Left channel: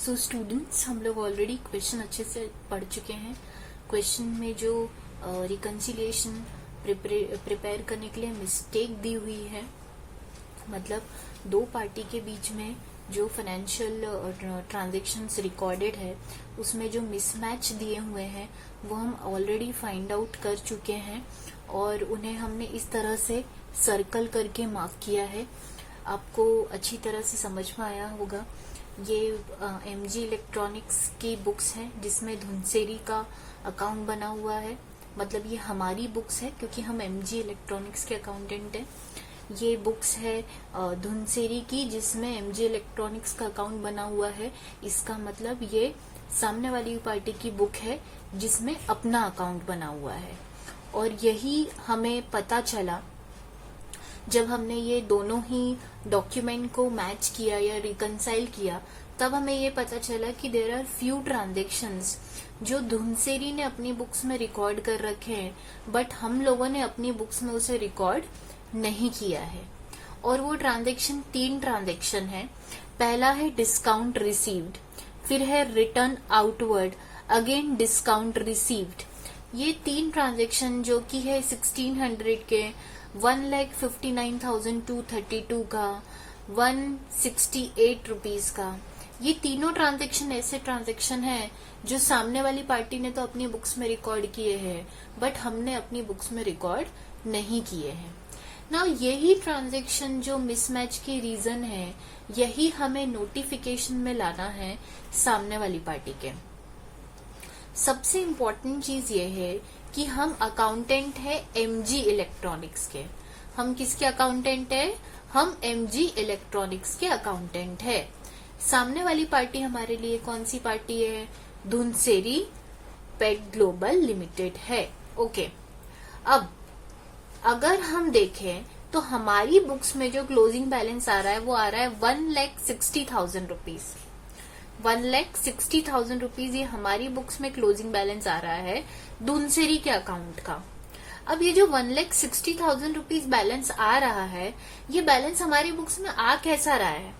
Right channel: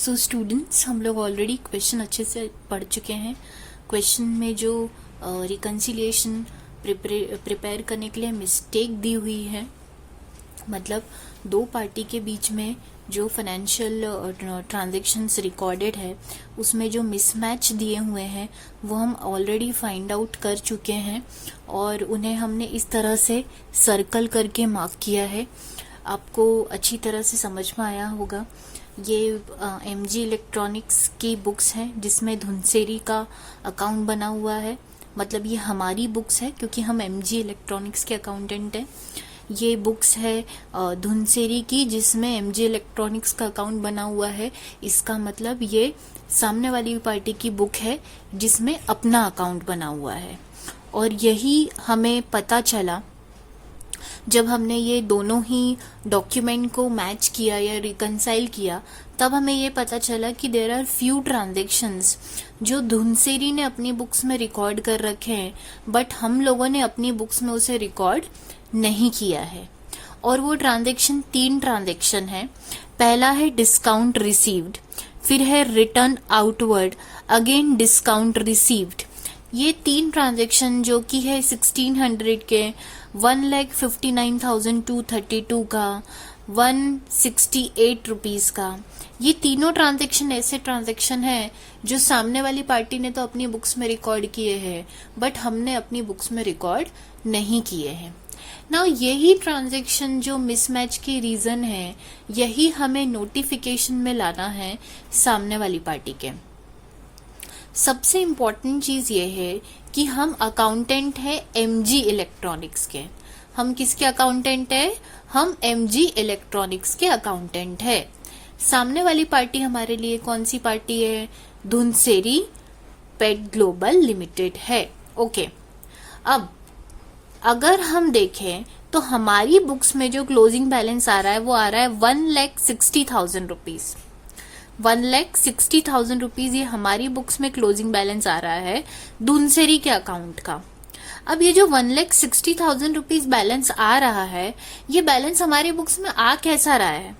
So students, हम लोग already question अच्छे से पढ़ चुके हैं। क्वेश्चन में जो रिकन्सिलिएशन प्रिपेयर करने के लिए मिस्टेक दी हुई है, मतलब दो पार्टी के बीच में जो फाइनेंशियल ट्रांजैक्शंस रिकॉर्डेड है उसमें जो मिसमैच दिए हुए हैं वो हम ऑलरेडी फाइंड आउट कर चुके हैं और उन्हें हमने इस तरह से सर्कल करके मार्क किया है। आपको अच्छी तरह से समझ में आया होगा। ये एमजी इलेक्ट्रॉनिक्स की बुक्स हैं जिसमें धुनसेरी का अकाउंट बना हुआ है, मतलब ये हमारी बुक्स है क्योंकि हम एमजी इलेक्ट्रॉनिक्स के अकाउंटेंट हैं। ये बुक्स है धुनसेरी की जिसमें एमजी इलेक्ट्रॉनिक्स का अकाउंट बना हुआ है। इसका मतलब ये सामने वाली पार्टी की बुक है जिसमें अपना अकाउंट बना हुआ है। और यही हमें पता चला जब हमने ये दोनों ही डॉक्यूमेंट को मैच किया या रिकंसाइल किया, तब हमें ये पता चला कि देयर आर फ्यू ट्रांजैक्शंस जो धुनसेरी ने अपनी बुक्स में रिकॉर्ड कर रखे हैं, बट हम लोगों ने अपनी बुक्स में उसे रिकॉर्ड नहीं किया है। और वो ट्रांजैक्शन 3 ट्रांजैक्शन है। पहला है डिस्काउंट रिसीव्ड, फिर है return outward, again discount received. ये 3 ट्रांजैक्शन जो कि है 1600 के, 1,59,232 का, 168 रुपीज का, ये तीनों ट्रांजैक्शन ऐसे ट्रांजैक्शन है जो सामने वाली पार्टी ने तो अपनी बुक्स में रिकॉर्ड किए हैं बट हमने अपनी बुक्स में रिकॉर्ड नहीं किए हैं। नाउ यही ट्रांजैक्शन जो मिसमैच की रीजन है, यही हमें नोटिफिकेशन में लाना है सामने वाली पार्टी के। सबसे इम्पोर्टेंट चीज ये है कि हम अकाउंटेंट है एमजी इलेक्ट्रॉनिक्स के। हम किसके अकाउंटेंट है? हम एमजी इलेक्ट्रॉनिक्स के अकाउंटेंट है। सामने वाली पार्टी हमारे लिए कौन सी पार्टी है? धुनसेरी पेट ग्लोबल लिमिटेड है। ओके, अब अगर हम देखें तो हमारी बुक्स में जो क्लोजिंग बैलेंस आ रहा है वो आ रहा है 1,60,000 रुपीज। 1,60,000 रुपीज ये हमारी बुक्स में क्लोजिंग बैलेंस आ रहा है धुनसेरी के अकाउंट का। अब ये जो 1,60,000 रुपीज बैलेंस आ रहा है, ये बैलेंस हमारी बुक्स में आ कैसा रहा है?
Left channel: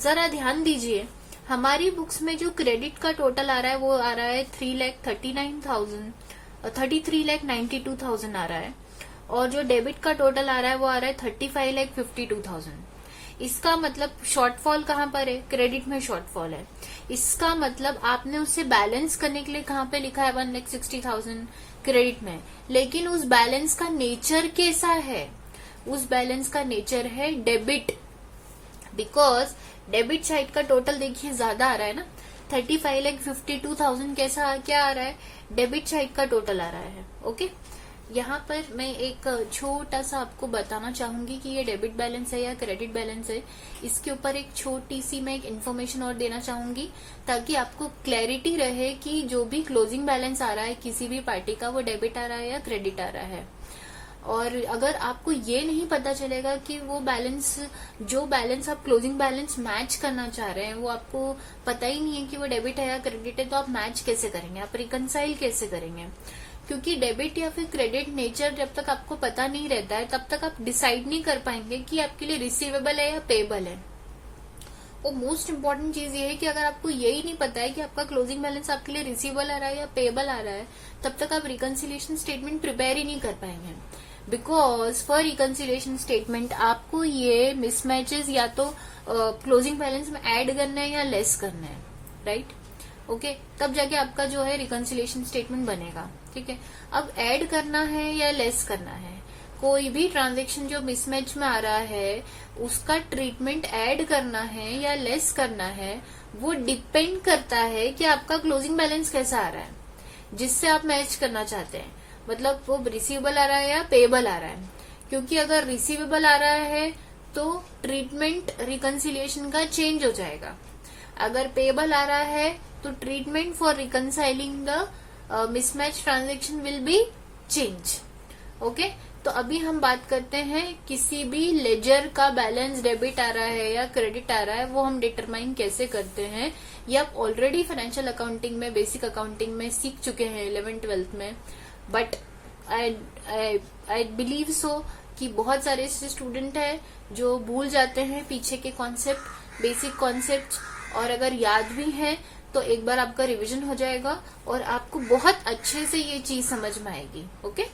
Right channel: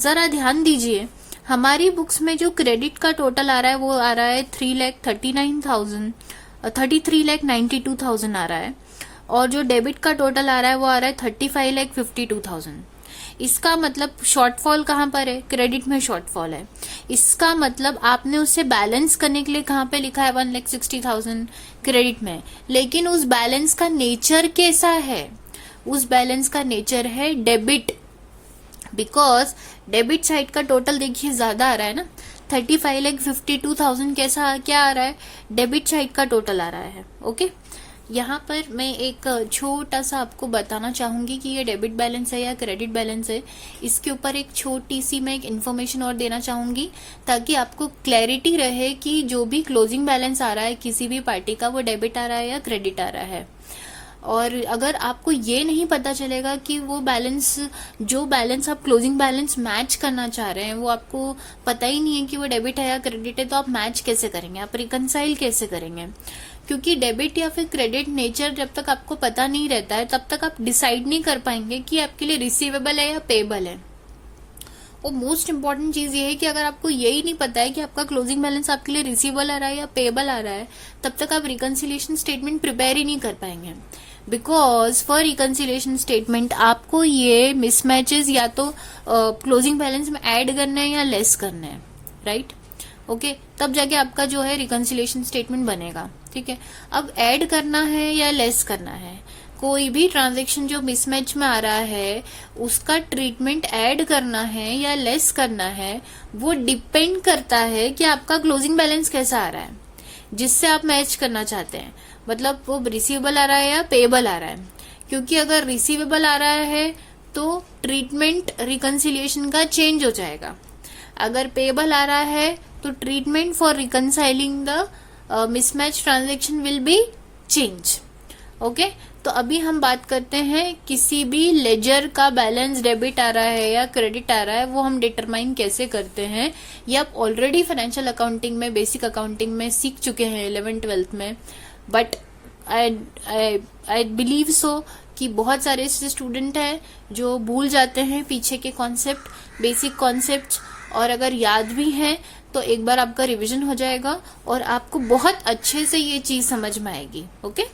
जरा ध्यान दीजिए। हमारी बुक्स में जो क्रेडिट का टोटल आ रहा है वो आ रहा है 33,92,000 आ रहा है, और जो डेबिट का टोटल आ रहा है वो आ रहा है 35,52,000। इसका मतलब शॉर्टफॉल कहाँ पर है? क्रेडिट में शॉर्टफॉल है। इसका मतलब आपने उसे बैलेंस करने के लिए कहाँ पे लिखा है 1,60,000 क्रेडिट में, लेकिन उस बैलेंस का नेचर कैसा है? उस बैलेंस का नेचर है डेबिट, बिकॉज डेबिट साइड का टोटल देखिए ज्यादा आ रहा है ना। 35,52,000 कैसा क्या आ रहा है? डेबिट साइड का टोटल आ रहा है। ओके, यहाँ पर मैं एक छोटा सा आपको बताना चाहूंगी कि ये डेबिट बैलेंस है या क्रेडिट बैलेंस है। इसके ऊपर एक छोटी सी मैं एक इन्फॉर्मेशन और देना चाहूंगी ताकि आपको क्लैरिटी रहे कि जो भी क्लोजिंग बैलेंस आ रहा है किसी भी पार्टी का, वो डेबिट आ रहा है या क्रेडिट आ रहा है। और अगर आपको ये नहीं पता चलेगा कि वो बैलेंस, जो बैलेंस आप क्लोजिंग बैलेंस मैच करना चाह रहे हैं, वो आपको पता ही नहीं है कि वो डेबिट है या क्रेडिट है, तो आप मैच कैसे करेंगे? आप रिकंसाइल कैसे करेंगे? क्योंकि डेबिट या फिर क्रेडिट नेचर जब तक आपको पता नहीं रहता है तब तक आप डिसाइड नहीं कर पाएंगे कि आपके लिए रिसीवेबल है या पेबल है। और मोस्ट इम्पोर्टेंट चीज ये है कि अगर आपको यही नहीं पता है कि आपका क्लोजिंग बैलेंस आपके लिए रिसीवेबल आ रहा है या पेबल आ रहा है, तब तक आप रिकंसिलिएशन स्टेटमेंट प्रिपेयर ही नहीं कर पाएंगे। बिकॉज फॉर रिकंसिलिएशन स्टेटमेंट आपको ये मिसमैचेस या तो क्लोजिंग बैलेंस में ऐड करना है या लेस करना है, राइट? ओके, तब जाके आपका जो है रिकंसिलिएशन स्टेटमेंट बनेगा। ठीक है, अब ऐड करना है या लेस करना है, कोई भी ट्रांजैक्शन जो मिसमैच में आ रहा है उसका ट्रीटमेंट ऐड करना है या लेस करना है, वो डिपेंड करता है कि आपका क्लोजिंग बैलेंस कैसा आ रहा है जिससे आप मैच करना चाहते हैं। मतलब वो रिसीवेबल आ रहा है या पेबल आ रहा है। क्योंकि अगर रिसीवेबल आ रहा है तो ट्रीटमेंट रिकंसिलिएशन का चेंज हो जाएगा। अगर पेबल आ रहा है तो treatment for reconciling the mismatch transaction will be change. Okay, तो अभी हम बात करते हैं किसी भी लेजर का बैलेंस डेबिट आ रहा है या क्रेडिट आ रहा है, वो हम डिटरमाइन कैसे करते हैं। ये आप ऑलरेडी फाइनेंशियल अकाउंटिंग में, बेसिक अकाउंटिंग में सीख चुके हैं 11th-12th में, बट आई बिलीव सो कि बहुत सारे ऐसे स्टूडेंट हैं जो भूल जाते हैं पीछे के कॉन्सेप्ट, बेसिक कॉन्सेप्ट, और अगर याद भी है तो एक बार आपका रिवीजन हो जाएगा और आपको बहुत अच्छे से ये चीज समझ में आएगी। ओके,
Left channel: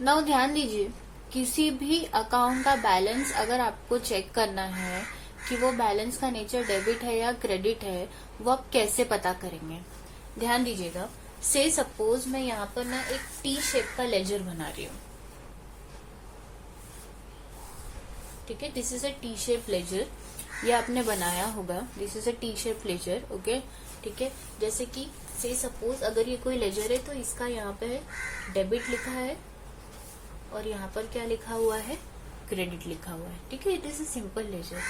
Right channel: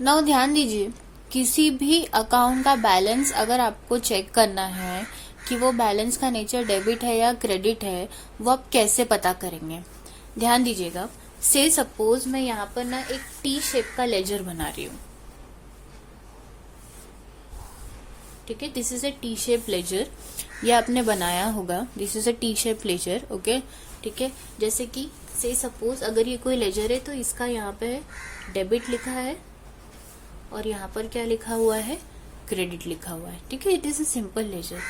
नाउ ध्यान दीजिए, किसी भी अकाउंट का बैलेंस अगर आपको चेक करना है कि वो बैलेंस का नेचर डेबिट है या क्रेडिट है, वो आप कैसे पता करेंगे। ध्यान दीजिएगा, से सपोज मैं यहाँ पर ना एक टी शेप का लेजर बना रही हूँ, ठीक है, this is a T shape ledger, ये आपने बनाया होगा, this is a T shape ledger. Okay, ठीक है, जैसे कि से सपोज अगर ये कोई लेजर है तो इसका यहाँ पे डेबिट लिखा है और यहाँ पर क्या लिखा हुआ है, क्रेडिट लिखा हुआ है, ठीक है, it is a simple ledger.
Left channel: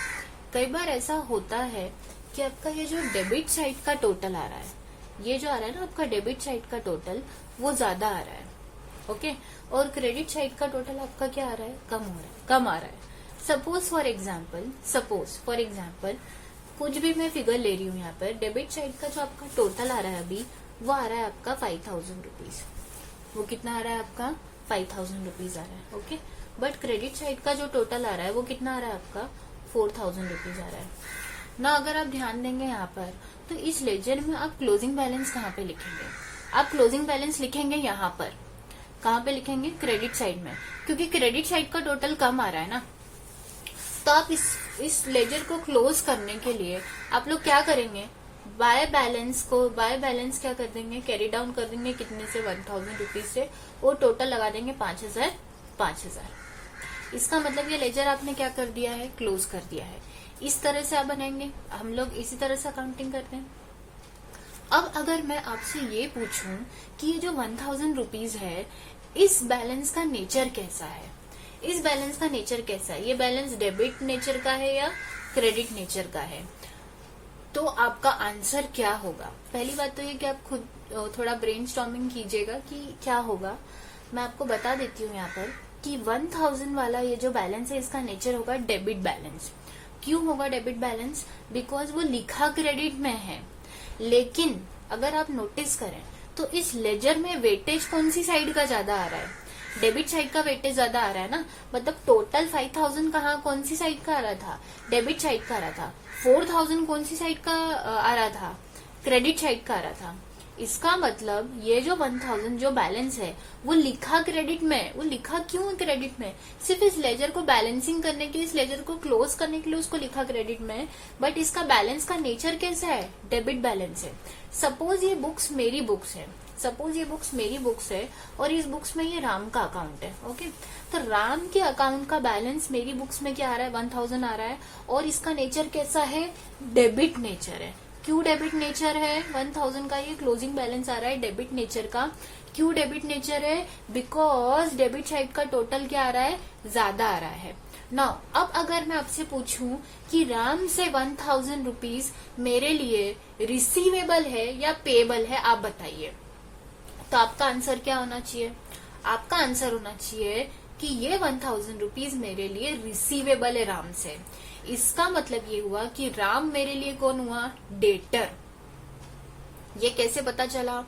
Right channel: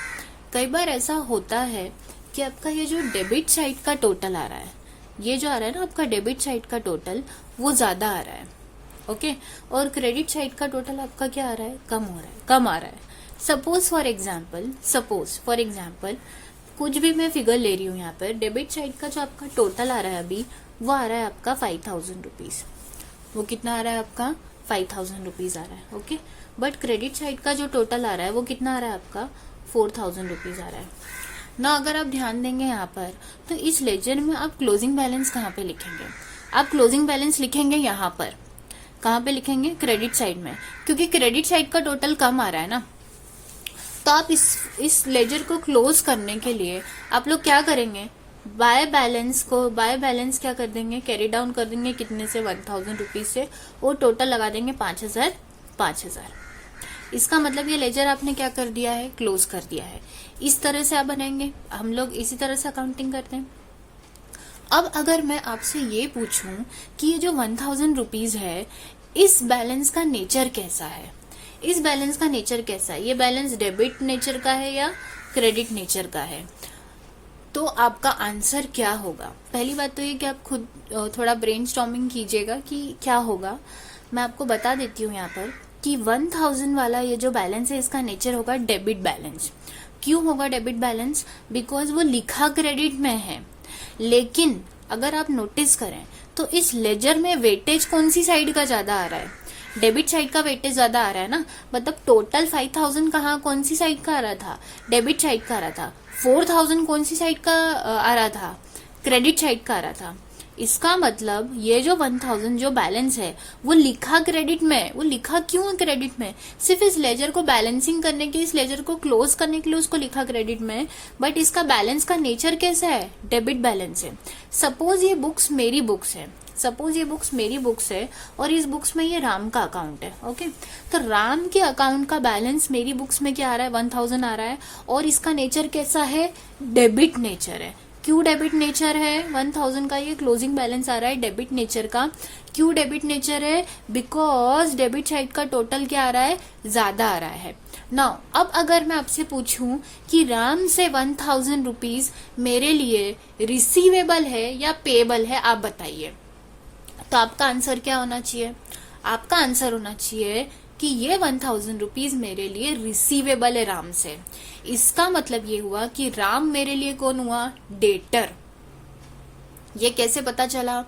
कई बार ऐसा होता है कि आपका ये जो डेबिट साइड का टोटल आ रहा है, ये जो आ रहा है ना आपका डेबिट साइड का टोटल, वो ज्यादा आ रहा है। ओके, और क्रेडिट साइड का टोटल आपका क्या आ रहा है, कम हो रहा है, कम आ रहा है। सपोज फॉर एग्जाम्पल कुछ भी मैं फिगर ले रही हूँ यहाँ पर, डेबिट साइड का जो आपका टोटल आ रहा है अभी, वो आ रहा है आपका 5000 रुपीज। वो कितना आ रहा है आपका, 5000 रुपीज आ रहा है। ओके, बट क्रेडिट साइड का जो टोटल आ रहा है वो कितना आ रहा है आपका, 4000 रुपीज आ रहा है ना। अगर आप ध्यान देंगे यहाँ पर, तो इस लेजर में आप क्लोजिंग बैलेंस कहाँ पे लिखेंगे, आप क्लोजिंग बैलेंस लिखेंगे यहाँ पर, कहाँ पे लिखेंगे, क्रेडिट साइड में, क्योंकि क्रेडिट साइड का टोटल कम आ रहा है ना। तो आप इस लेजर को क्लोज करने के लिए आप लोग क्या करेंगे, बाय बैलेंस क्या कर देंगे, कैरी डाउन कर देंगे, कितने से, 1000 रुपीज से, वो टोटल लगा देंगे 5000। इसका मतलब ये लेजर आपने क्या कर दिया है, क्लोज कर दिया है। इस तरह से आप बनाएंगे, हम लोग इसी तरह से अकाउंटिंग करते हैं। अब अगर मैं आपसे ये पूछूं कि ये जो 1000 रुपीज है, इस बैलेंस का नेचर कैसा है, इस बैलेंस का नेचर कैसा है, ये बैलेंस डेबिट नेचर का है या क्रेडिट नेचर का है, तो आपका आंसर क्या होगा। पहली बात तो ये कि आप खुद थोड़ा ब्रेनस्टॉर्मिंग कीजिएगा कि क्या होगा। मैं आपको बता देती हूँ यहाँ पर कि 1000 वाला ये जो बैलेंस है, इसका नेचर होगा डेबिट बैलेंस। क्यों होगा डेबिट बैलेंस, बिकॉज वो लिखा क्रेडिट में है। लेकिन अगर आप नोटिस करें तो इस लेजर में वेटेज कौन सी साइड का ज्यादा आ रहा है, डेबिट साइड का वेटेज ज्यादा आ रहा है ना। मतलब टोटल 5000 कहाँ, कौन सी साइड का आ रहा था, डेबिट साइड का आ रहा था। 4000 कौन सी साइड का आ रहा था, क्रेडिट साइड का आ रहा था। इसका मतलब ये जो 1000 जो बैलेंस है वो लिखा क्रेडिट में, वो लिखा क्यों है क्रेडिट में, सिर्फ इस लेजर को बैलेंसिंग करने के, इस लेजर को क्लोज करने के लिए उसको लिखा क्रेडिट में। बट इसका बैलेंस का नेचर कैसा है, डेबिट बैलेंस है। सपोज ये बुक्स मेरी बुक्स है और इस बुक्स में ये राम का अकाउंट है। ओके, तो राम के अकाउंट का बैलेंस मेरी बुक्स में क्या आ रहा है, 1000 आ रहा है, और इसका नेचर कैसा है, डेबिट नेचर है। क्यों डेबिट नेचर है, 1000 का ये क्लोजिंग बैलेंस आ रहा है डेबिट नेचर का। क्यों डेबिट नेचर है, बिकॉज डेबिट साइड का टोटल क्या आ रहा है, ज्यादा आ रहा है। नाउ अब अगर मैं आपसे पूछूं कि राम से 1000 रुपीज मेरे लिए रिसीवेबल है या पेएबल है, आप बताइए। तो आपका आंसर क्या होना चाहिए, आपका आंसर होना चाहिए कि ये 1000 रुपीज मेरे लिए रिसीवेबल है राम से। इसका मतलब ये हुआ कि राम मेरे लिए कौन हुआ, डेटर। ये कैसे पता चला,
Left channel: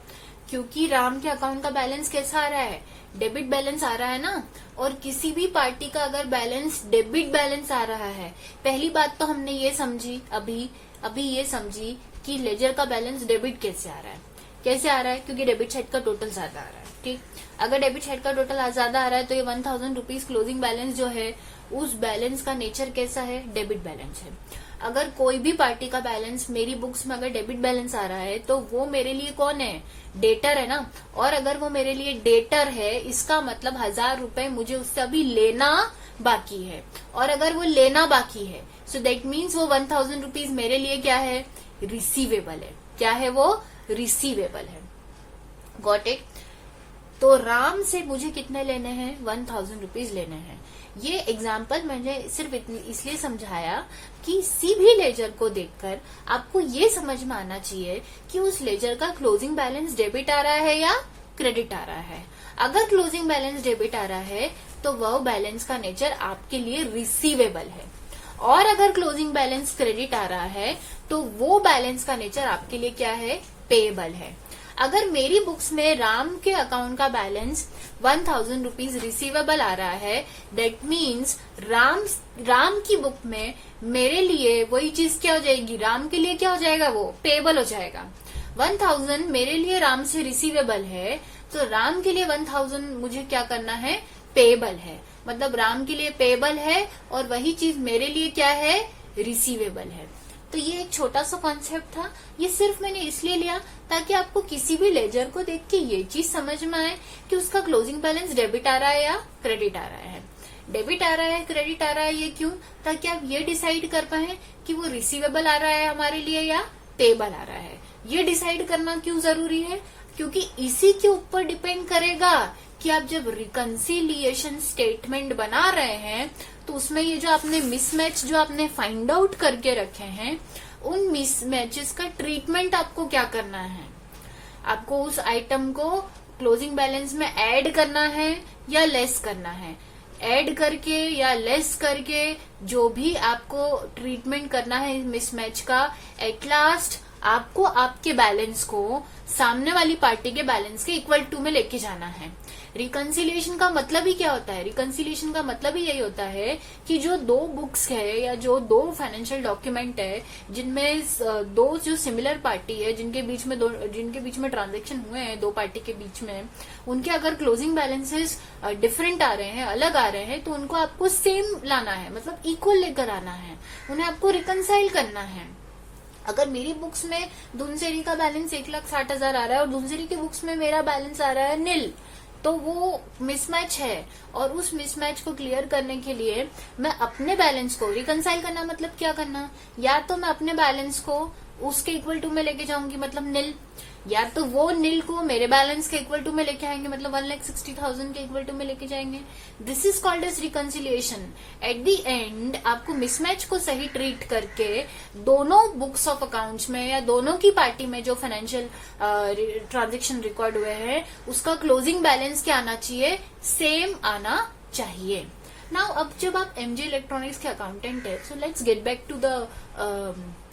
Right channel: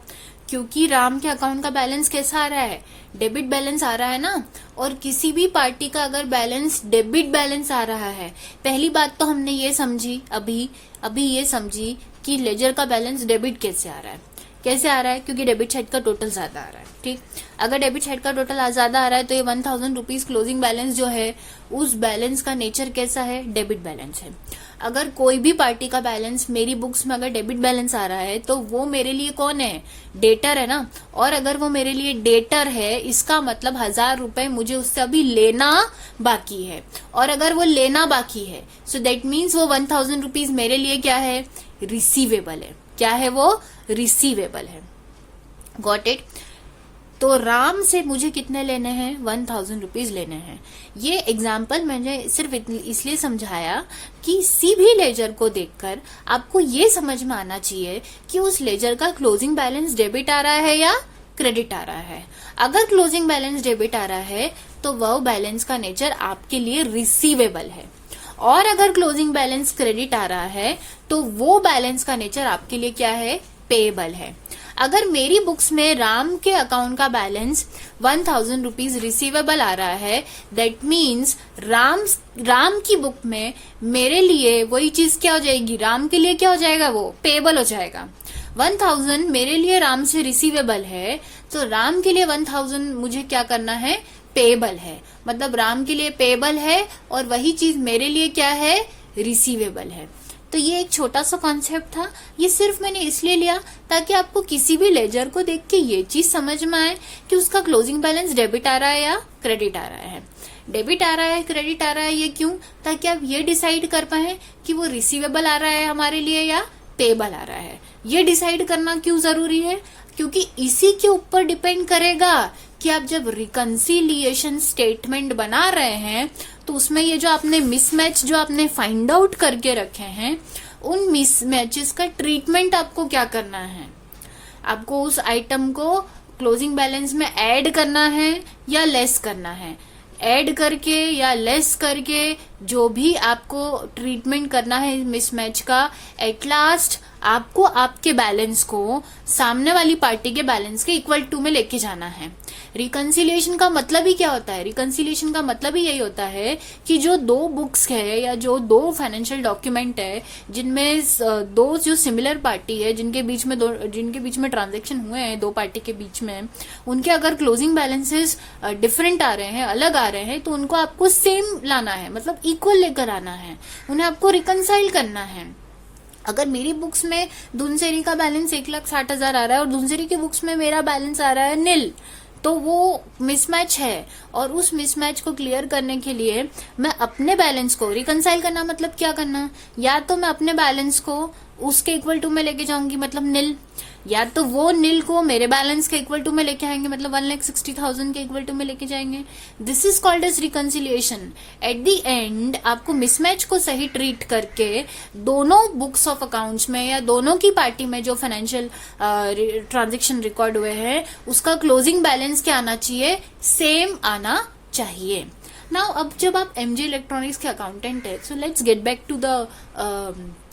क्योंकि राम के अकाउंट का बैलेंस कैसा आ रहा है, डेबिट बैलेंस आ रहा है ना। और किसी भी पार्टी का अगर बैलेंस डेबिट बैलेंस आ रहा है, पहली बात तो हमने ये समझी अभी ये समझी कि लेजर का बैलेंस डेबिट कैसे आ रहा है, कैसे आ रहा है, क्योंकि डेबिट साइड का टोटल ज्यादा आ रहा है। ठीक, अगर डेबिट साइड का टोटल ज्यादा आ रहा है तो ये 1000 रुपीज क्लोजिंग बैलेंस जो है, उस बैलेंस का नेचर कैसा है, डेबिट बैलेंस है। अगर कोई भी पार्टी का बैलेंस मेरी बुक्स में अगर डेबिट बैलेंस आ रहा है तो वो मेरे लिए कौन है, डेटर है ना। और अगर वो मेरे लिए डेटर है, इसका मतलब 1000 रुपए मुझे उससे अभी लेना बाकी है। और अगर वो लेना बाकी है, सो दैट मीन्स वो 1000 रुपीज मेरे लिए क्या है, रिसीवेबल है। क्या है वो, रिसीवेबल है। Got it. तो राम से मुझे कितने लेने हैं, 1000 रुपीज लेने हैं। ये एग्जाम्पल मैंने सिर्फ इसलिए समझाया कि किसी भी लेजर को देखकर आपको ये समझ में आना चाहिए कि उस लेजर का क्लोजिंग बैलेंस डेबिट आ रहा है या क्रेडिट आ रहा है। अगर क्लोजिंग बैलेंस डेबिट आ रहा है तो वह बैलेंस का नेचर आपके लिए रिसीवेबल है, और अगर क्लोजिंग बैलेंस क्रेडिट आ रहा है तो वो बैलेंस का नेचर आपके लिए क्या है, पेएबल है। अगर मेरी बुक्स में राम के अकाउंट का बैलेंस 1000 रुपीज रिसीवेबल आ रहा है, दैट मीन्स राम की बुक में मेरे लिए वही चीज क्या हो जाएगी, राम के लिए क्या हो जाएगा, वो पेबल हो जाएगा। 1000 मेरे लिए राम से रिसीवेबल है, तो राम के लिए 1000 मुझे क्या करना है, पेबल है। मतलब राम के लिए पेबल है और वही चीज मेरे लिए क्या है, रिसीवेबल है। तो ये एक छोटा सा कॉन्सेप्ट था, ये सिर्फ मैंने इसलिए लिया ताकि आपको किसी भी लेजर को देख के ये चीज समझ में आए कि उसका क्लोजिंग बैलेंस डेबिट आ रहा है या क्रेडिट आ रहा है। डेबिट आ रहा है, क्रेडिट आ रहा है, ये क्यों, ताकि आप ये डिसाइड कर पाए कि वो रिसीवेबल आ रहा है हमारे लिए या पेबल आ रहा है। ये डिसाइड करना क्यों जरूरी है, क्योंकि इसी के ऊपर डिपेंड करेगा कि आप जब रिकंसिलिएशन स्टेटमेंट बना रहे हैं तो उसमें ये जो आपने मिसमैच जो आपने फाइंड आउट करके रखे हैं, उन मिसमैचेस का ट्रीटमेंट आपको क्या करना है। आपको उस आइटम को क्लोजिंग बैलेंस में ऐड करना है या लेस करना है। ऐड करके या लेस करके जो भी आपको ट्रीटमेंट करना है मिसमैच का, एट लास्ट आपको आपके बैलेंस को सामने वाली पार्टी के बैलेंस के इक्वल टू में लेके जाना है। रिकंसिलिएशन का मतलब ही क्या होता है, रिकंसिलिएशन का मतलब ही यही होता है कि जो दो बुक्स है या जो दो फाइनेंशियल डॉक्यूमेंट है जिनमें दो जो सिमिलर पार्टी है, जिनके बीच में ट्रांजैक्शन हुए हैं दो पार्टी के बीच में, उनके अगर क्लोजिंग बैलेंसेस डिफरेंट आ रहे हैं, अलग आ रहे हैं, तो उनको आपको सेम लाना है, मतलब इक्वल लेकर आना है, उन्हें आपको रिकंसाइल करना है। अगर मेरी बुक्स में धुनसेरी का बैलेंस 1,60,000 आ रहा है और धुनसेरी की बुक्स में मेरा बैलेंस आ रहा है निल, तो वो मिसमैच है। और उस मिसमैच को क्लियर करने के लिए मैं अपने बैलेंस को रिकंसाइल करना, मतलब क्या करना, या तो मैं अपने बैलेंस को उसके इक्वल टू में लेके जाऊंगी, मतलब निल, या तो वो निल को मेरे बैलेंस के इक्वल टू में लेके आएंगे, मतलब 1,60,000 के इक्वल टू में लेके जाएंगे। This is called as reconciliation. At the end आपको मिसमैच को सही ट्रीट करके दोनों बुक्स ऑफ अकाउंट्स में या दोनों की पार्टी में जो फाइनेंशियल ट्रांजेक्शन रिकॉर्ड हुए हैं उसका क्लोजिंग बैलेंस क्या आना चाहिए, सेम आना चाहिए। नाउ अब जब आप एमजे इलेक्ट्रॉनिक्स के अकाउंटेंट है, so let's get back to the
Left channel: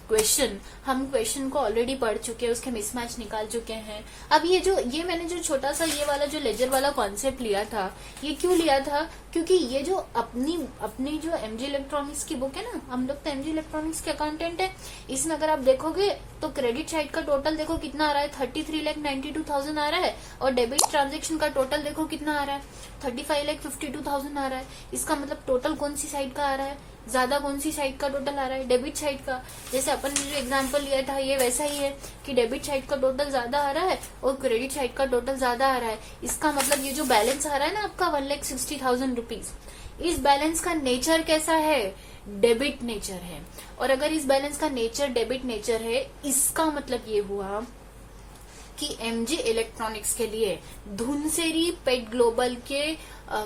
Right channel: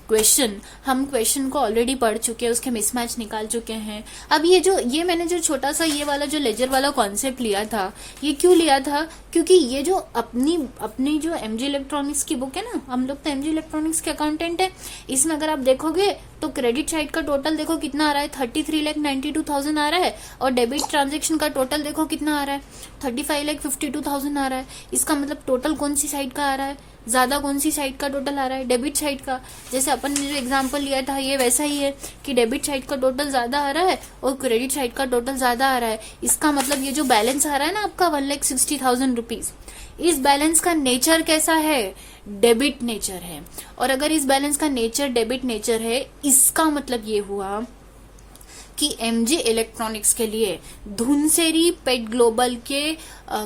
question. हम क्वेश्चन को ऑलरेडी पढ़ चुके हैं, उसके मिसमैच निकाल चुके हैं। अब ये मैंने जो छोटा सा ये वाला जो लेजर वाला कॉन्सेप्ट लिया था, ये क्यों लिया था, क्योंकि ये जो अपनी जो एमजी इलेक्ट्रॉनिक्स की बुक है ना, हम लोग तो एमजी इलेक्ट्रॉनिक्स के अकाउंटेंट है, इसमें अगर आप देखोगे तो क्रेडिट साइड का टोटल देखो कितना आ रहा है, 33,92,000 आ रहा है, और डेबिट ट्रांजेक्शन का टोटल देखो कितना आ रहा है, 35,52,000 आ रहा है। इसका मतलब टोटल कौन सी साइड का आ रहा है, ज्यादा कौन सी साइड का टोटल आ रहा है, डेबिट साइड का। जैसे अपन ने जो एग्जांपल लिया था ये वैसा ही है कि डेबिट साइड का टोटल ज्यादा आ रहा है और क्रेडिट साइड का टोटल ज्यादा आ रहा है। इसका मतलब ये जो बैलेंस आ रहा है ना आपका 1,60,000 रुपीज, इस बैलेंस का नेचर कैसा है, डेबिट नेचर है। और अगर इस बैलेंस का नेचर डेबिट नेचर है, इसका मतलब ये हुआ कि एमजी इलेक्ट्रॉनिक्स के लिए धुनसेरी पेट ग्लोबल के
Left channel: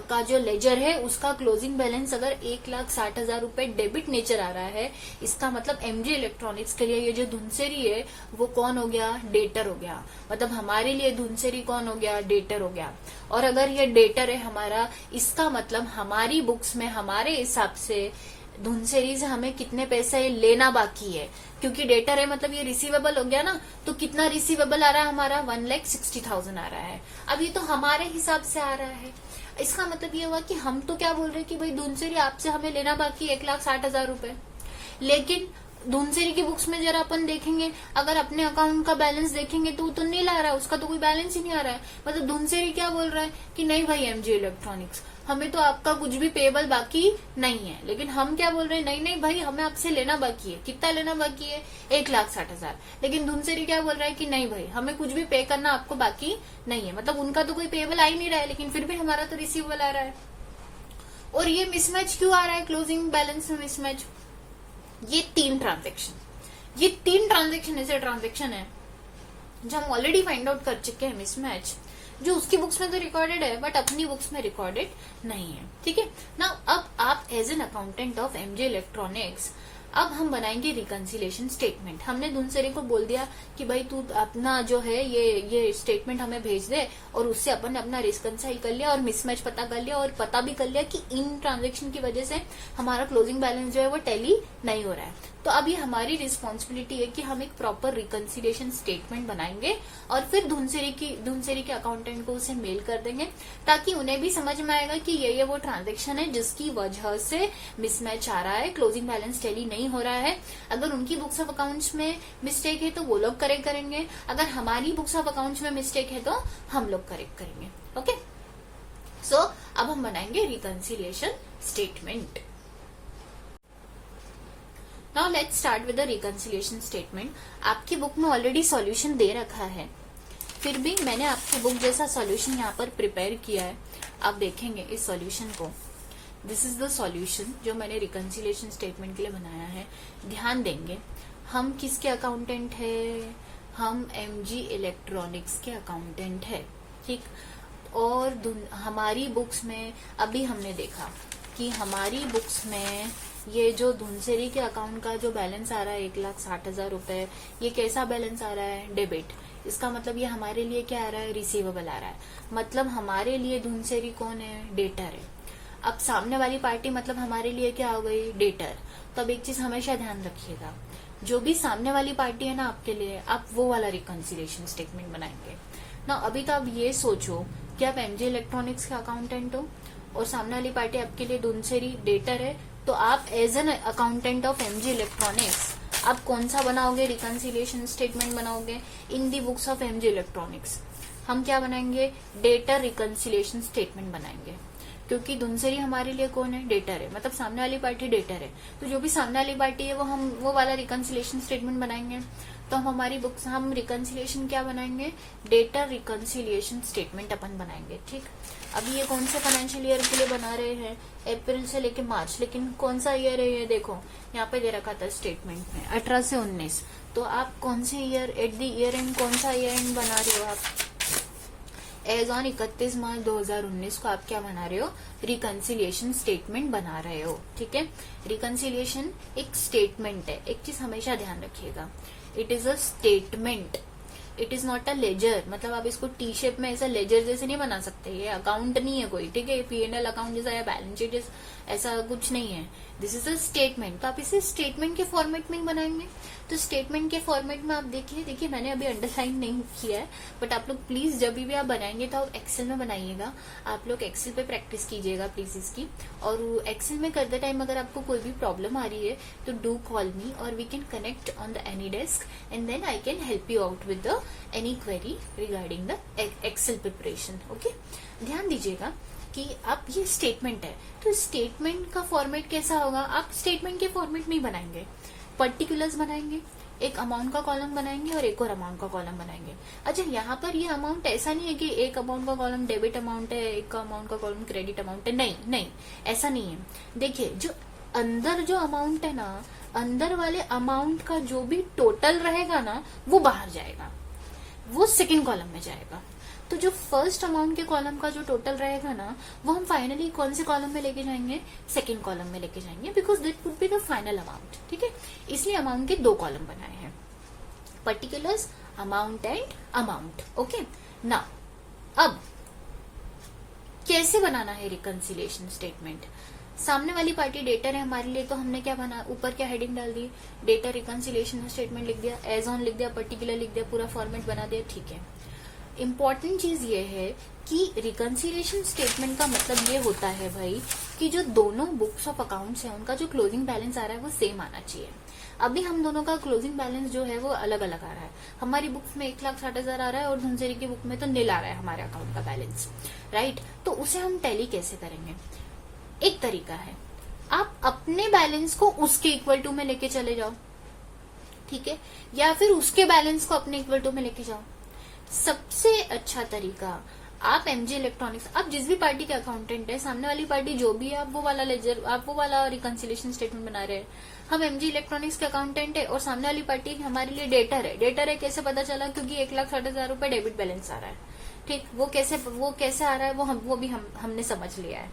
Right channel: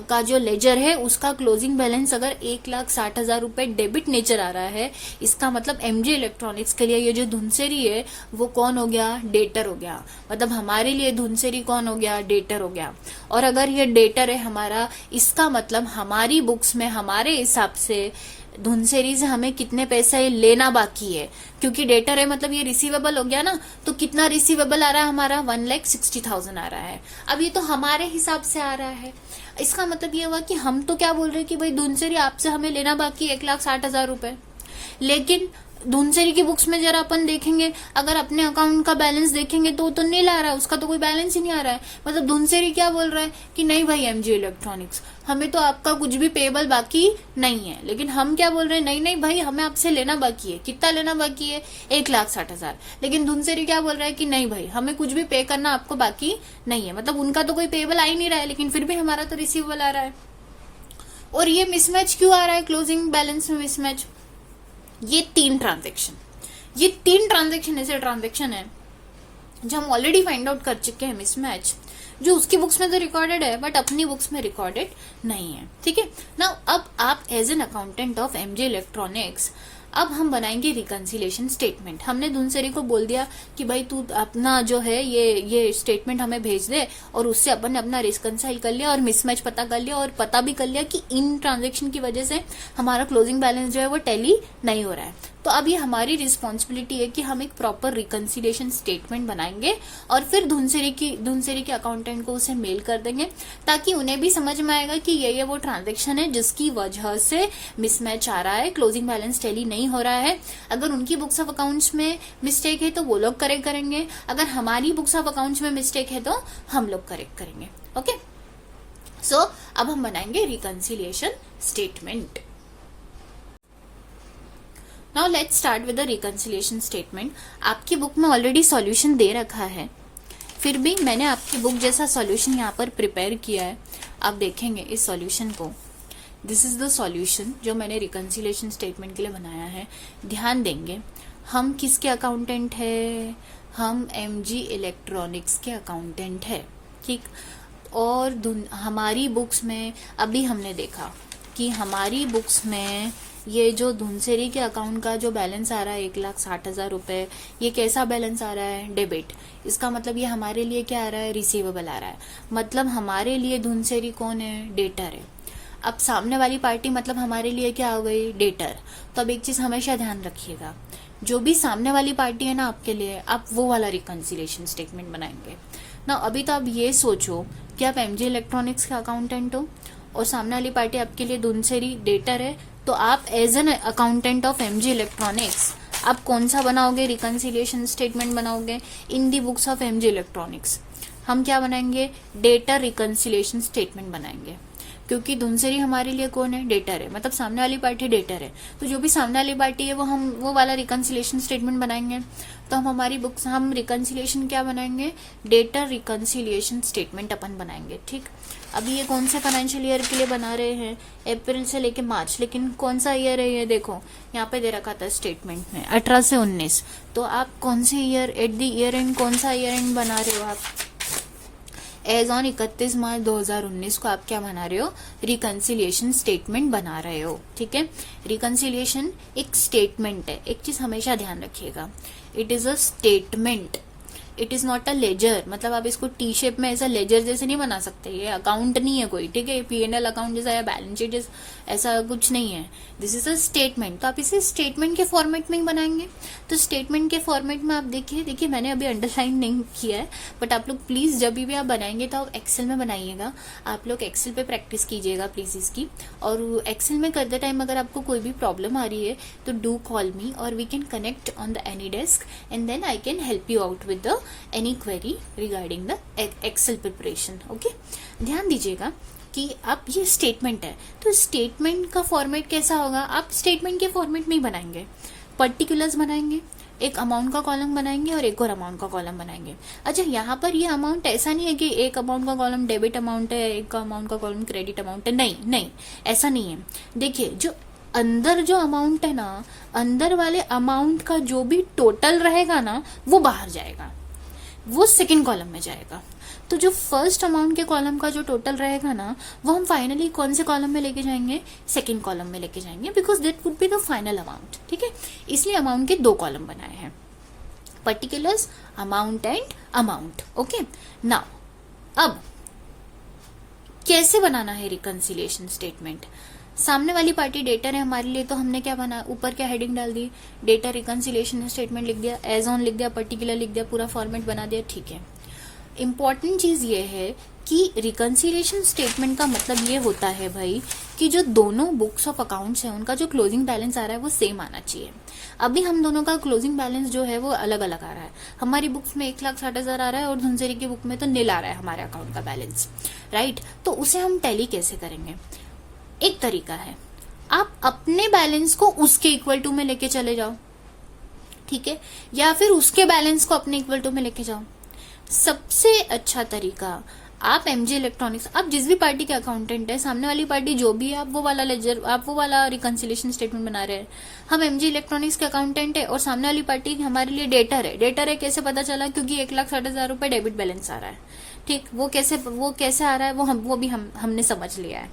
का जो लेजर है उसका क्लोजिंग बैलेंस अगर 1,60,000 रुपए डेबिट नेचर आ रहा है, इसका मतलब एमजी इलेक्ट्रॉनिक्स के लिए ये जो धुनसेरी है वो कौन हो गया, डेटर हो गया। मतलब हमारे लिए धुनसेरी कौन हो गया, डेटर हो गया। और अगर ये डेटर है हमारा, इसका मतलब हमारी बुक्स में हमारे हिसाब से धुनसेरी से हमें कितने पैसे लेना बाकी है, क्योंकि डेटर है मतलब ये रिसीवेबल हो गया ना, तो कितना रिसीवेबल आ रहा है हमारा, 1,60,000 आ रहा है। अब ये तो हमारे हिसाब से आ रहा है, इसका मतलब ये हुआ कि हम तो क्या बोल रहे हैं कि भाई धुनसेरी आपसे हमें लेना बाकी 1,60,000 रुपए, लेकिन धुनसेरी की बुक्स में जरा अपन देखेंगे, अगर अपने अकाउंट का बैलेंस देखेंगे तो वो तो नील आ रहा है, उसका तो कोई बैलेंस ही नहीं आ रहा है। मतलब धुनसेरी क्या बोल रहा है कि नहीं भाई एमजी इलेक्ट्रॉनिक्स, हमें तो आपका कुछ भी पेबल बाकी नहीं है, लेकिन हम क्या बोल रहे हैं, नहीं नहीं भाई हमें आपसे लेना बाकी है। कितना लेना बाकी है, 1,60,000। लेकिन धुनसेरी क्या बोल रहा है कि नहीं भाई हमें कुछ भी पे करना आपको बाकी नहीं है। मतलब उनका तो कोई पेबल आ ही नहीं रहा है, लेकिन फिर भी हमारा तो रिसीवेबल आ रहा है। और ये मिसमैच क्यों आ रहा है, क्लोजिंग बैलेंस में मिसमैच, ये तीन ट्रांजेक्शन ऐसे ट्रांजेक्शन है जो हम ऑलरेडी फाइंड आउट कर चुके हैं मिसमैच, जो उसकी बुक्स में तो रिकॉर्डेड है बट अपनी बुक्स में रिकॉर्डेड नहीं है। ठीक है ना, अब आप as an accountant of MJ electronics अब हम बनाएंगे रिकंसिलिएशन स्टेटमेंट। हमने धुनसरी को बोल दिया कि भाई तू अपना जो है ये स्टेटमेंट हमें भेज दे, और उससे अपन ने अपना रिकंसाइल कर लिया और मिसमैच पता कर लिया, और पता भी कर लिया कि इन ट्रांजेक्शन की वजह से हमारा क्लोजिंग बैलेंस जो है वो टैली नहीं हो रहा है। तो अब ये हमारी रिस्पॉन्सिबिलिटी है कि हम एक प्रॉपर रिकंसिलिएशन स्टेटमेंट बनाएंगे और फिर धुनसरी के अकाउंटेंट को उसे मेल कर देंगे, ताकि उन्हें भी समझ में आएगा कि ये वो ट्रांजेक्शन है जिसकी वजह से मिसमैच आ रहा है, क्लोजिंग बैलेंस टैली नहीं हो रहा है। अगर उनकी बुक्स ऑफ अकाउंट्स में मिस्टेक है तो वो लोग करेक्ट करेंगे, अगर हमारी बुक्स ऑफ अकाउंट्स में मिस्टेक है तो हम लोग करेक्ट करेंगे। ओके, सो अब हम बनाएंगे reconciliation statement. Now let's start with the reconciliation statement. आपकी बुक में ऑलरेडी सॉल्यूशन दे रखा है, फिर भी मैंने आपकी बुक जैसा सॉल्यूशन यहाँ पर प्रिपेयर किया है। आप देखेंगे इस सॉल्यूशन को, दिस इज द सॉल्यूशन जो मैंने रिकंसिलिएशन स्टेटमेंट के लिए बनाया है। ध्यान देंगे, हम किसके अकाउंटेंट है? हम एमजी इलेक्ट्रॉनिक्स के अकाउंटेंट है, ठीक। और हमारी बुक्स में अभी हमने देखा कि हमारी बुक्स में ये जो धुनसरी के अकाउंट का जो बैलेंस आ रहा है 1,60,000 रुपए, ये कैसा बैलेंस आ रहा है? डेबिट। इसका मतलब ये हमारे लिए क्या आ रहा है? रिसीवेबल आ रहा है। मतलब हमारे लिए धुनसरी कौन है? डेटर है। अब सामने वाली पार्टी मतलब हमारे लिए क्या आ गई? डेटर। तो अब एक चीज हमेशा ध्यान रखिएगा, जो भी सामने वाली पार्टी है ना आपके लिए, आप वो वाला रिकंसिलिएशन स्टेटमेंट बनाएंगे ना। अभी तो आप ये सोचो कि आप एमजी इलेक्ट्रॉनिक्स के अकाउंटेंट हो और सामने वाली पार्टी आपके लिए धुनसरी डेटर है, तो आप as an accountant of MG electronics आप कौन सा बनाओगे? रिकंसिलिएशन स्टेटमेंट बनाओगे in the books of MG electronics. हम क्या बनाएंगे? डेटर रिकंसिलिएशन स्टेटमेंट बनाएंगे, क्योंकि धुनसरी हमारे लिए कौन है? डेटर है। मतलब सामने वाली पार्टी डेटर है, तो जो भी सामने वाली पार्टी है वो वाला रिकंसिलिएशन स्टेटमेंट बनाएंगे। तो हम हमारी बुक्स हम रिकंसिलिएशन क्या बनाएंगे? डेटर रिकंसिलिएशन स्टेटमेंट अपन बनाएंगे, ठीक। अभी ये कौन से फाइनेंशियल ईयर के लिए बना रहे हैं? अप्रैल से लेके मार्च, लेकिन कौन सा ईयर है ये? देखो यहाँ पे दे रखा था स्टेटमेंट में 18 से 19। तो आप कौन से year at the year and कौन सा ईयर एंड बना रहे हो? आप एज ऑन 31 मार्च 2019 को आप क्या बना रहे हो? रिकंसिलिएशन स्टेटमेंट बना रहे हो, ठीक है। रिकंसिलिएशन एक स्टेटमेंट है, एक चीज हमेशा ध्यान रखिएगा, it is a statement, it is not a ledger. मतलब आप इसको टी शेप में ऐसा लेजर जैसे नहीं बना सकते, ये अकाउंट नहीं है कोई, ठीक है। पीएनएल अकाउंट जैसा या बैलेंस शीट ऐसा कुछ नहीं है, दिस इज अ स्टेटमेंट। तो आप इसे स्टेटमेंट के फॉर्मेट में ही बनाएंगे। तो स्टेटमेंट के फॉर्मेट में आप देखिए मैंने अभी अंडरलाइन नहीं किया है, बट आप लोग प्लीज जब भी आप बनाएंगे तो आप एक्सेल में बनाइएगा। आप लोग एक्सेल पे प्रैक्टिस कीजिएगा प्लीज इसकी। और एक्सेल में करते टाइम अगर आपको कोई भी प्रॉब्लम आ रही है तो डू कॉल मी और we can connect on the AnyDesk and then I can help you out with the any query regarding the Excel preparation. Okay, ध्यान दीजिएगा कि आप ये स्टेटमेंट है, तो स्टेटमेंट का फॉर्मेट कैसा होगा? आप स्टेटमेंट के फॉर्मेट में ही बनाएंगे, पर्टिकुलर्स बनाएंगे, एक अमाउंट का कॉलम बनाएंगे और एक और अमाउंट का कॉलम बनाएंगे। अच्छा, यहाँ पर ये अमाउंट ऐसा नहीं है कि एक अमाउंट का कॉलम डेबिट अमाउंट है, एक अमाउंट का कॉलम क्रेडिट अमाउंट है, नहीं, ऐसा नहीं है। देखिए, जो अंदर जो अमाउंट है ना, अंदर वाले अमाउंट का जो भी टोटल रहेगा ना, वो बाहर जाएगा, वो सेकेंड कॉलम में जाएगा। तो जो फर्स्ट अमाउंट के कॉलम का जो टोटल रहेगा ना, वो हम फाइनली कौन से कॉलम में लेके जाएंगे? सेकेंड कॉलम में लेके जाएंगे, because that would be the final amount, ठीक है। इसलिए अमाउंट के 2 कॉलम बनाए हैं, particulars, amount and amount. Okay, now अब कैसे बनाना है रिकंसिलिएशन स्टेटमेंट? सामने वाली पार्टी डेटर है हमारे लिए, तो हमने क्या बना, ऊपर क्या हेडिंग डाल दी? डेटर रिकंसिलिएशन स्टेटमेंट लिख दिया, एज ऑन लिख दिया, पर्टिकुलर लिख दिया, पूरा फॉर्मेट बना दिया, ठीक है। इम्पॉर्टेंट चीज ये है कि रिकंसिलिएशन स्टेटमेंट का मतलब ये होता है भाई कि जो दोनों बुक्स ऑफ अकाउंट्स हैं उनका जो क्लोजिंग बैलेंस आ रहा है वो सेम आना चाहिए। अभी हम दोनों का क्लोजिंग बैलेंस जो है वो अलग अलग आ रहा है। हमारी बुक्स में 1,60,000 आ रहा है और धुनसरी की बुक में तो नील आ रहा है हमारे अकाउंट का बैलेंस, राइट। तो उसे हम टैली कैसे करेंगे? एक तरीका है, आप अपने बैलेंस को उसके इक्वल टू में लेके चले जाओ, ठीक है, या फिर उसके बैलेंस को अपने इक्वल टू में लेके जाओ। सबसे अच्छा तरीका, आप एमजी इलेक्ट्रॉनिक्स, आप जिस भी पार्टी के अकाउंटेंट है, सामने वाली पार्टी जो भी है, आप वो वाला लेजर, आप वो वाला रिकंसिलिएशन स्टेटमेंट बना रहे हैं। हम एमजी इलेक्ट्रॉनिक्स के अकाउंटेंट है और सामने वाली पार्टी हमारे लिए डेटर है। डेटर है कैसे पता चला? क्योंकि 1,60,000 रुपए डेबिट बैलेंस आ रहा है, ठीक। वो कैसे आ रहा है वो भी हमने समझ लिया है।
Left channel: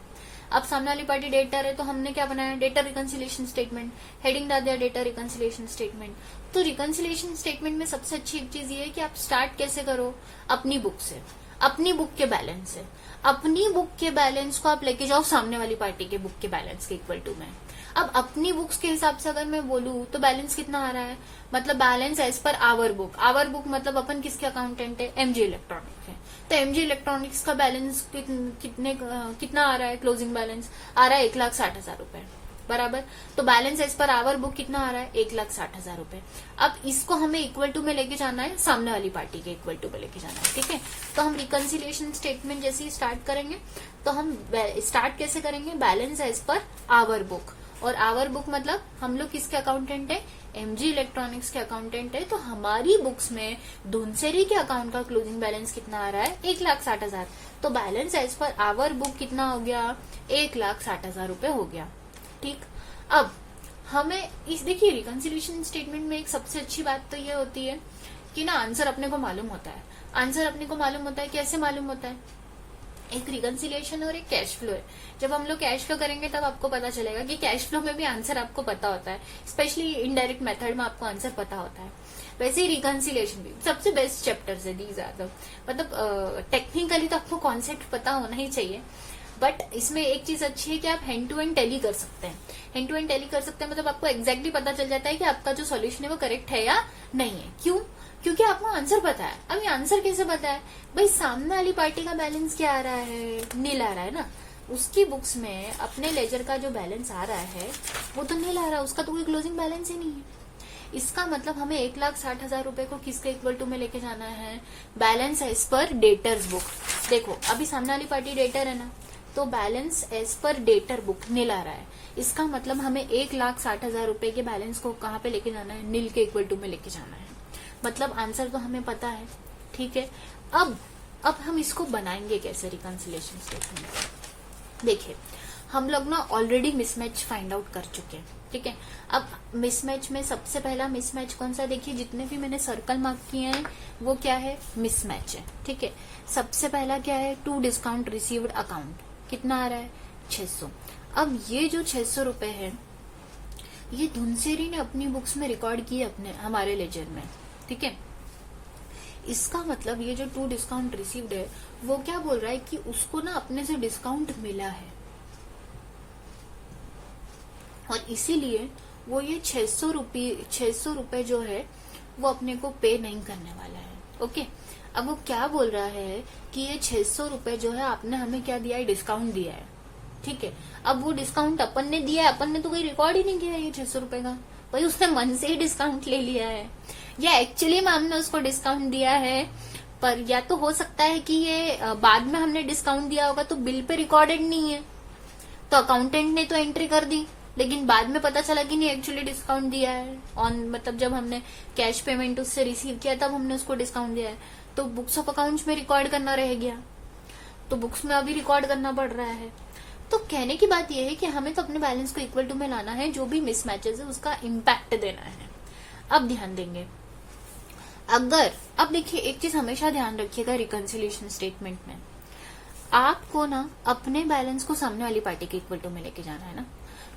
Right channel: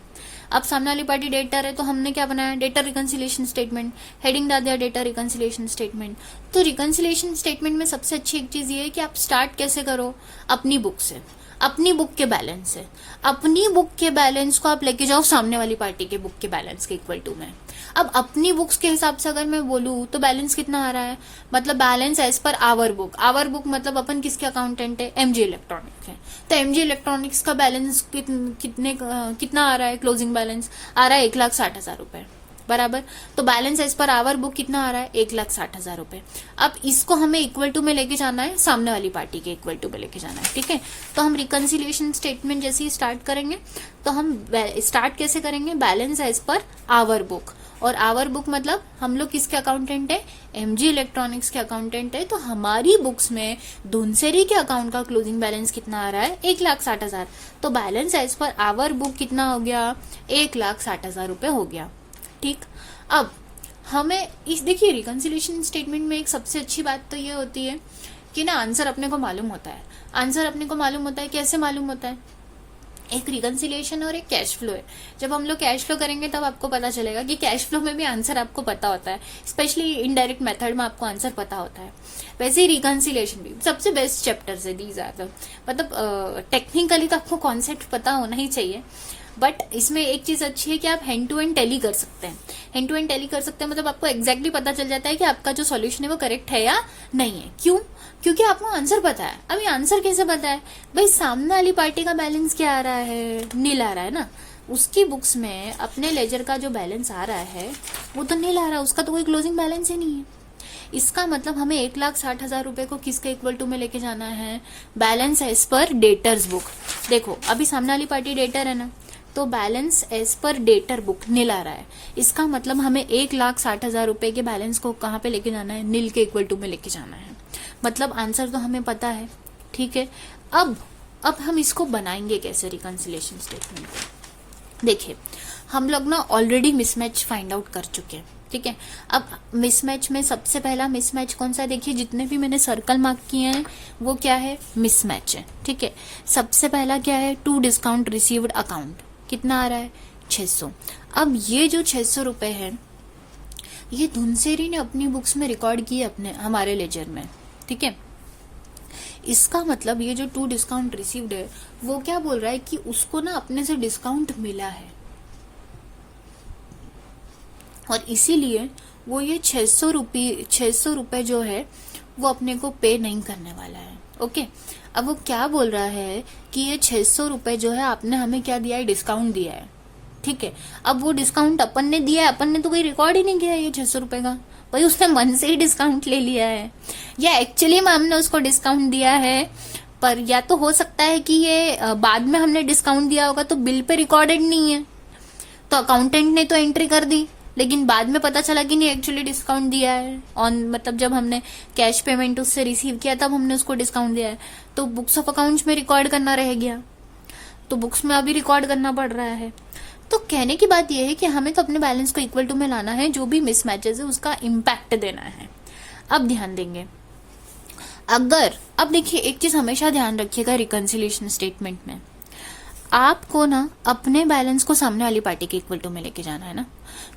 अब सामने वाली पार्टी डेटर है तो हमने क्या बनाया, डेटर रिकंसिलिएशन स्टेटमेंट, हेडिंग डाल दिया डेटर रिकंसिलिएशन स्टेटमेंट। तो रिकंसिलिएशन स्टेटमेंट में सबसे अच्छी एक चीज ये है कि आप स्टार्ट कैसे करो, अपनी बुक से, अपनी बुक के बैलेंस से। अपनी बुक के बैलेंस को आप लेके जाओ सामने वाली पार्टी के बुक के बैलेंस के इक्वल टू में। अब अपनी बुक्स के हिसाब से अगर मैं बोलूं तो बैलेंस कितना आ रहा है, मतलब balance as per our book. Our book मतलब अपन किसके अकाउंटेंट है, एमजी इलेक्ट्रॉनिक्स है, तो एमजी इलेक्ट्रॉनिक्स का बैलेंस कितना आ रहा है, क्लोजिंग बैलेंस आ रहा है 1,60,000 रुपए बराबर। तो balance as per our book कितना आ रहा है, 1,60,000 रुपए। अब इसको हमें इक्वल टू में लेके जाना है, सामने वाली पार्टी के इक्वल टू में लेके जाना है, ठीक है। तो हम रिकंसिलिएशन स्टेटमेंट जैसे ही स्टार्ट करेंगे तो हम स्टार्ट कैसे करेंगे, balance as per our book. और आवर बुक मतलब हम लोग किसके अकाउंटेंट है, एमजी इलेक्ट्रॉनिक्स के अकाउंटेंट है। तो हमारी बुक्स में धुनसेरी के अकाउंट का क्लोजिंग बैलेंस कितना आ रहा है, 1,60,000। तो balance as per our book कितना हो गया, 1,60,000 रुपए हो गया, ठीक। अब हमें इस देखिए रिकंसिलिएशन स्टेटमेंट में एक सबसे अच्छी बात तो ये होती है कि ना आंसर अपने को मालूम होता है। आंसर अपने को मालूम होता है, कैसे मालूम होता है, एक रिकंसिलिएशन और एक कैश फ्लो है। जब हम लोग कैश फ्लो करेंगे तब आपको पता चलेगा कि कैश फ्लो में भी आंसर आपको पता होता है, स्पेशली इनडायरेक्ट मेथड में आपको आंसर पता होता है। वैसे ही रिकंसिलिएशन भी सबसे बेस्ट चैप्टर्स है दीज आर, मतलब टेक्निकली तो आपको कॉन्सेप्ट पता होना ही चाहिए, बट इसमें एक चीज अच्छी है कि आप हैंड टू हैंड टैली कर सकते हैं। हैंड टू हैंड टैली कर सकते हैं मतलब आपको एग्जैक्टली पता चल जाता है कि आपका जो सॉल्यूशन है वो करेक्ट है या नहीं है। क्यों, क्योंकि आपको आंसर पता है। अब ये आंसर कैसे पता है भाई, सामने वाली पार्टी का बैलेंस क्या आ रहा है, नील आ रहा है ना। उसकी बुक्स में अपने लेजर का जो बैलेंस आ रहा है वो तो नील आ रहा है, उसका तो कोई क्लोजिंग बैलेंस ही नहीं है। इसका मतलब हमें 1,60,000 रुपए को किसके इक्वल टू में लेके जाना है, balance as per debtors book. देखो अभी सामने वाली पार्टी डेटर है ना, तो balance as per debtor book nil आ रहा है। इसका मतलब हमें 1,60,000 रुपए के बैलेंस को कहाँ पे लेके जाना है, नील के इक्वल टू में लेके जाना है। मतलब आंसर तो हमें पता है, ठीक है। अब हम इसको बनाएंगे कैसे रिकंसिलिएशन स्टेटमेंट। देखिए हम लोग ना ऑलरेडी मिसमैच फाइंड आउट कर चुके हैं, ठीक है। अब मिसमैच में सबसे पहला मिसमैच कौन सा, देखिए जितने भी मैंने सर्कल मार्क किए हैं वो क्या है, मिसमैच है, ठीक है। सबसे पहला क्या है, टू डिस्काउंट रिसीव्ड अकाउंट कितना आ रहा है, 600। अब ये जो 600 रुपए है ये धुनसेरी ने अपनी बुक्स में रिकॉर्ड किए अपने हमारे लेजर में, ठीक है। इसका मतलब ये जो टू डिस्काउंट रिसीव्ड है वो क्या बोल रहा है कि उसको ना अपने से डिस्काउंट मिला है और इसीलिए वो ये 600 रुपए जो है वो अपने को पे नहीं करने वाला है, ओके। अब वो क्या बोल रहा है कि ये 600 रुपए जो है आपने हमें क्या दिया है, डिस्काउंट दिया है, ठीक है। अब वो डिस्काउंट अपन ने दिया है, अपन ने तो कोई रिकॉर्ड ही नहीं किया है ये 600 रुपए का, भाई उसने मन से ही डिस्काउंट ले लिया है या एक्चुअली में हमने उसको डिस्काउंट दिया है। पर या तो हो सकता है कि ये बाद में हमने डिस्काउंट दिया होगा तो बिल पे रिकॉर्डेड नहीं है, तो अकाउंटेंट ने तो एंट्री कर दी, लेकिन बाद में पता चला कि नहीं एक्चुअली डिस्काउंट दिया है ऑन, मतलब जब हमने कैश पेमेंट उससे रिसीव किया तब हमने उसको डिस्काउंट दिया है। तो बुक्स ऑफ अकाउंट्स में रिकॉर्ड करना रह गया, तो बुक्स में अभी रिकॉर्ड करना पड़ रहा है। तो कहने की बात यह है कि हमें तो अपने बैलेंस को इक्वल टू में लाना है, जो भी मिसमैचेस है उसका इम्पैक्ट देना है। अब ध्यान देंगे, अगर अब देखिए एक चीज हमेशा ध्यान रखिएगा रिकंसिलिएशन स्टेटमेंट में, आपको ना अपने बैलेंस को सामने वाली पार्टी के इक्वल टू में लेके जाना है ना,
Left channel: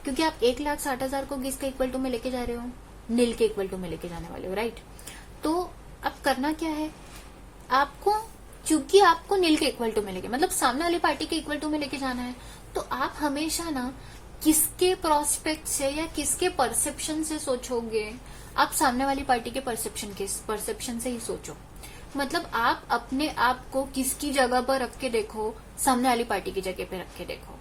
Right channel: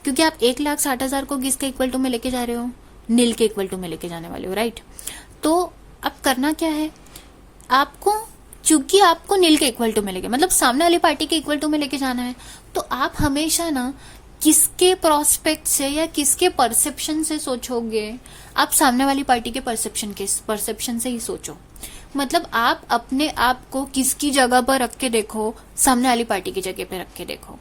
क्योंकि आप 1,60,000 को किसके इक्वल टू में लेके जा रहे हो, नील के इक्वल टू में लेके जाने वाले हो, राइट। तो अब करना क्या है आपको, चूंकि आपको नील के इक्वल टू में लेके मतलब सामने वाली पार्टी के इक्वल टू में लेके जाना है, तो आप हमेशा ना किसके प्रोस्पेक्ट से या किसके परसेप्शन से सोचोगे, आप सामने वाली पार्टी के परसेप्शन से ही सोचो। मतलब आप अपने आप को किसकी जगह पर रख के देखो, सामने वाली पार्टी की जगह पे रख के देखो।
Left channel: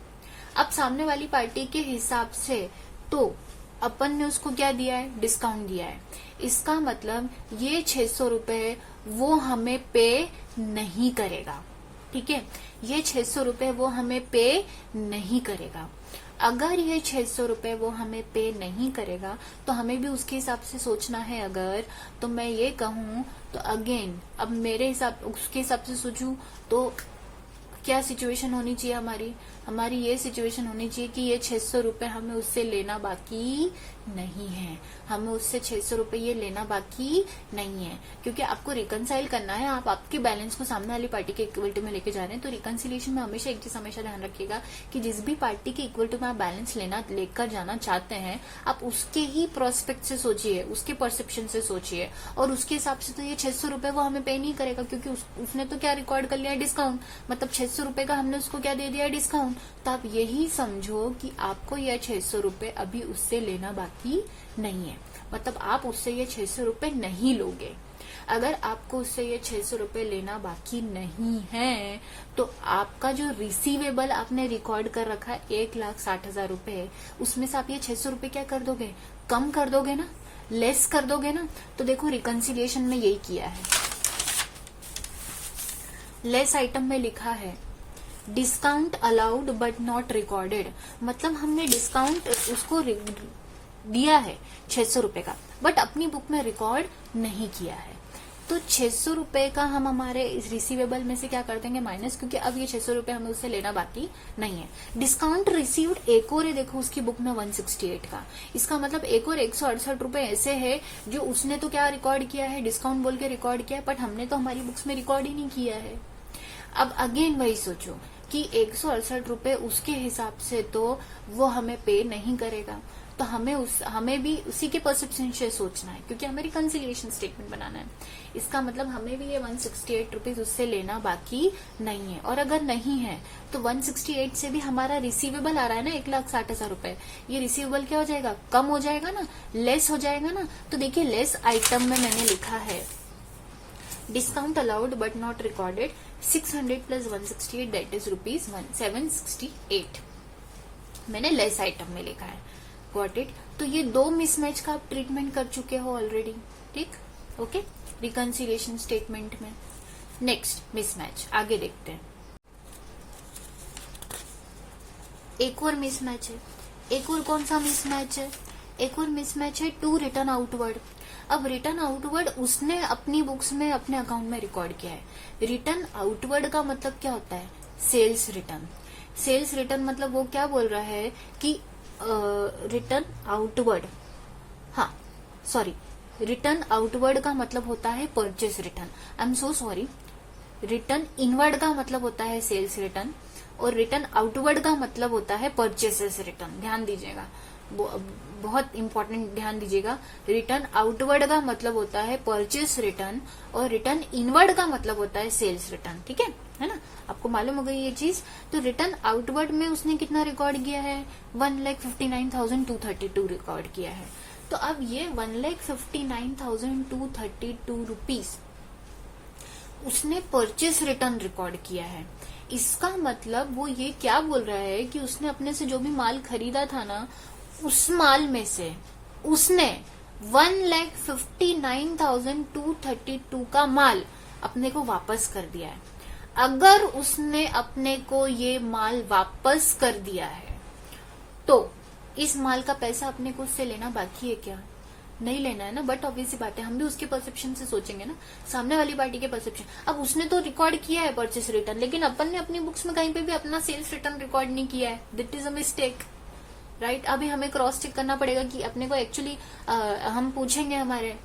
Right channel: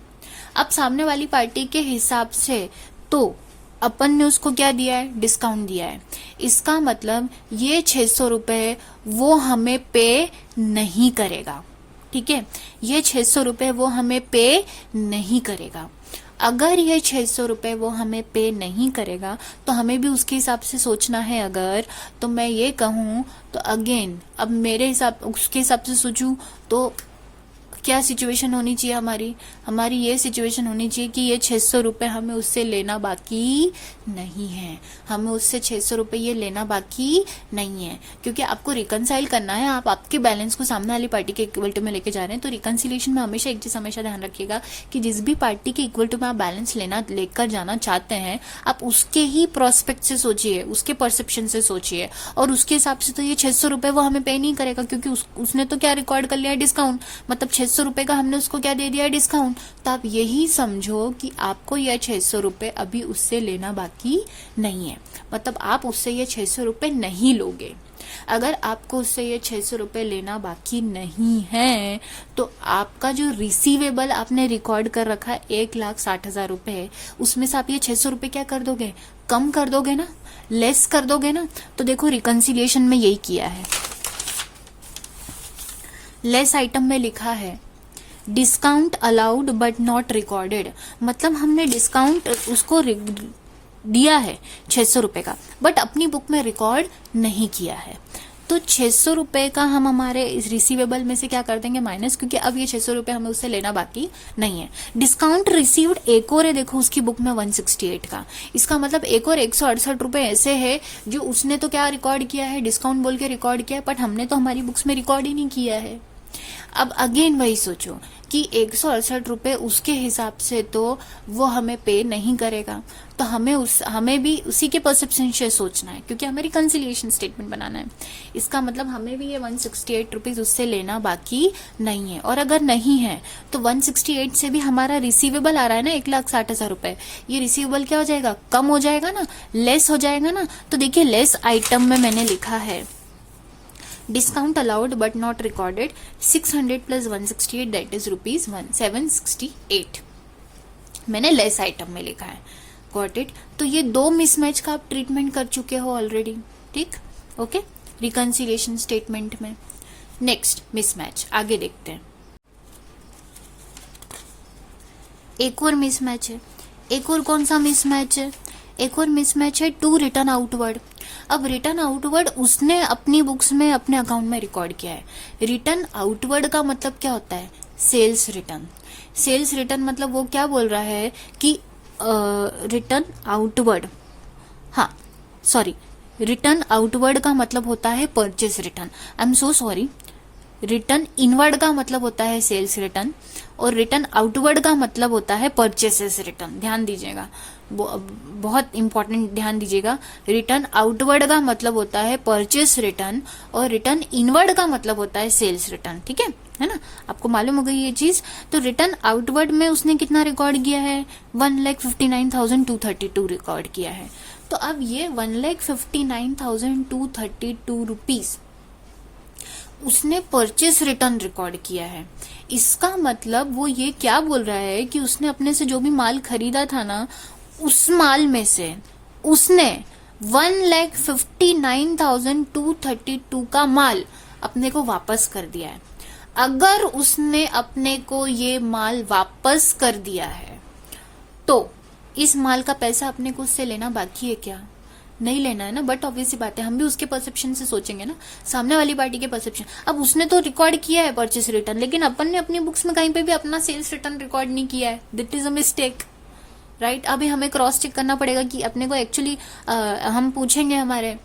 अब सामने वाली पार्टी के हिसाब से तो अपन ने उसको क्या दिया है, डिस्काउंट दिया है। इसका मतलब ये 600 रुपए वो हमें पे नहीं करेगा, ठीक है। ये 600 रुपए वो हमें पे नहीं करेगा। अगर ये 600 रुपए वो हमें पे नहीं करेगा तो हमें भी उसके हिसाब से सोचना है। अगर तो मैं ये कहूं तो अगेन अब मेरे हिसाब उसके हिसाब से सोचूं तो क्या सिचुएशन होनी चाहिए हमारी ये सिचुएशन होनी चाहिए कि ये 600 रुपए हमें उससे लेना बाकी नहीं है, हमें उससे 600 रुपए ये लेना बाकी नहीं है, क्योंकि आपको रिकनसाइल करना है, आप आपके बैलेंस को सामने वाली पार्टी के इक्वल टू में लेके जा रहे हैं। तो रिकनसिलेशन में हमेशा एक चीज हमेशा ध्यान रखिएगा कि जिस भी पार्टी के इक्वल टू में आप बैलेंस लेकर जाना चाहते हैं, आप उसके ही प्रोस्पेक्ट से सोचिए, उसके परसेप्शन से सोचिए, और उसके हिसाब से तो ये 600 रुपए वो हमें पे नहीं करेगा, क्योंकि उसने तो क्या रिकॉर्ड कर लिया डिस्काउंट, मतलब 600 रुपए का हमने उसको क्या दे दिया डिस्काउंट। तो आप यही समझो कि आपको यह 600 रुपए अभी उससे लेना बाकी नहीं है, मतलब आप उससे ये 600 रुपए नहीं लोगे। अगर आपको उससे ये 600 रुपए लेना बाकी नहीं है तो आपका जो रिसीवेबल आपने रिकॉर्ड कर रखा है 1,60,000 रुपए, उसमें से आप ये 600 रुपए क्या कर दोगे, कम कर दोगे ना, लेस कर दोगे ना। तो देखो रिकंसिलिएशन में यही किया है, लेस आइटम में लिखा है discount allowed but not recorded, मतलब हमने डिस्काउंट उसको दिया है 600 रुपए का, बट अपनी बुक में रिकॉर्ड नहीं किया है। तो 600 रुपए का हम हमारे इस रिसीवेबल में से क्या कर देंगे माइनस, क्योंकि अब ये 600 रुपए हमें उससे लेना बाकी नहीं है। डिस्काउंट रिसीव्ड एक और है, देखो उसकी बुक में 168 का, इसका मतलब एक और 168 रुपए ऐसे है जो उसने तो क्या रिकॉर्ड किया है, डिस्काउंट बोल के रिकॉर्ड किया है, बट हमने तो हमारी बुक्स में रिकॉर्ड ही नहीं किया है। अब अगेन वही सोचो कि 168 रुपए उसके हिसाब से तो वो हमें पे नहीं करेगा, तो हमें भी उसी के परसेप्शन से सोचना है, क्योंकि हमें रिकंसिलिएशन स्टेटमेंट बनाना है। इसका मतलब हमें भी ये 168 रुपीज उससे लेना बाकी नहीं है, और अगर नहीं है तो 168 से भी हमारा रिसीवेबल आ रहा है ना 1,60,000 रुपए, ये रिसीवेबल क्या हो जाएगा, कम हो जाएगा ना, लेस हो जाएगा ना। तो देखिए लेस आइटम में मैंने लिखा है discount allowed but not recorded 600 plus 168 that is ₹768, मैंने लेस आइटम में लिखा है। Got it. तो ये दो मिसमैच का आप ट्रीटमेंट कर चुके हो ऑलरेडी, ठीक, ओके, रिकंसिलिएशन स्टेटमेंट में। नेक्स्ट मिसमैच, आगे देखते हैं। एक और मिसमैच है, एक और कौन सा मिसमैच है, एक और मिसमैच है टू रिटर्न आउटवर्ड। अब रिटर्न आउटवर्ड उसने अपनी बुक्स में अपने अकाउंट में रिकॉर्ड किया है। रिटर्न आउटवर्ड का मतलब क्या होता है, सेल्स रिटर्न। सेल्स रिटर्न मतलब वो क्या बोल रहा है कि रिटर्न आउटवर्ड, हाँ सॉरी, रिटर्न आउटवर्ड का मतलब होता है purchase return, I am so sorry. Return inward का मतलब होता है सेल्स रिटर्न, और रिटर्न आउटवर्ड का मतलब होता है परचेसेस रिटर्न। ध्यान दीजिएगा, बहुत इंपॉर्टेंट, ध्यान दीजिएगा। रिटर्न आउटवर्ड का मतलब होता है परचेस रिटर्न, और रिटर्न इनवर्ड का मतलब होता है सेल्स रिटर्न, ठीक है ना, आपको मालूम हो गई ये चीज। तो रिटर्न आउटवर्ड में उसने कितना रिकॉर्ड किया है, 1,59,232 रिकॉर्ड किया है। तो अब ये 1,59,232 रुपीज उसने परचेस रिटर्न रिकॉर्ड किया है। इसका मतलब वो ये क्या बोल रहा है कि उसने अपने से जो भी माल खरीदा था ना, उस माल में से उसने 1,59,232 का माल अपने को वापस कर दिया है। अगर उसने अपने को ये माल वापस कर दिया है तो इस माल का पैसा अपने को उससे लेना बाकी है क्या, नहीं लेना है ना। बट ऑब्वियस सी बात है, हम भी उसके परसेप्शन से सोचेंगे ना, सामने वाली पार्टी के परसेप्शन। अब उसने तो रिकॉर्ड किया है परचेस रिटर्न, लेकिन अपन ने अपनी बुक्स में कहीं पे भी अपना सेल्स रिटर्न रिकॉर्ड नहीं किया है, that is a mistake, right. अभी हमें क्रॉस चेक करना पड़ेगा कि अपने को एक्चुअली हम पूछेंगे, हमारे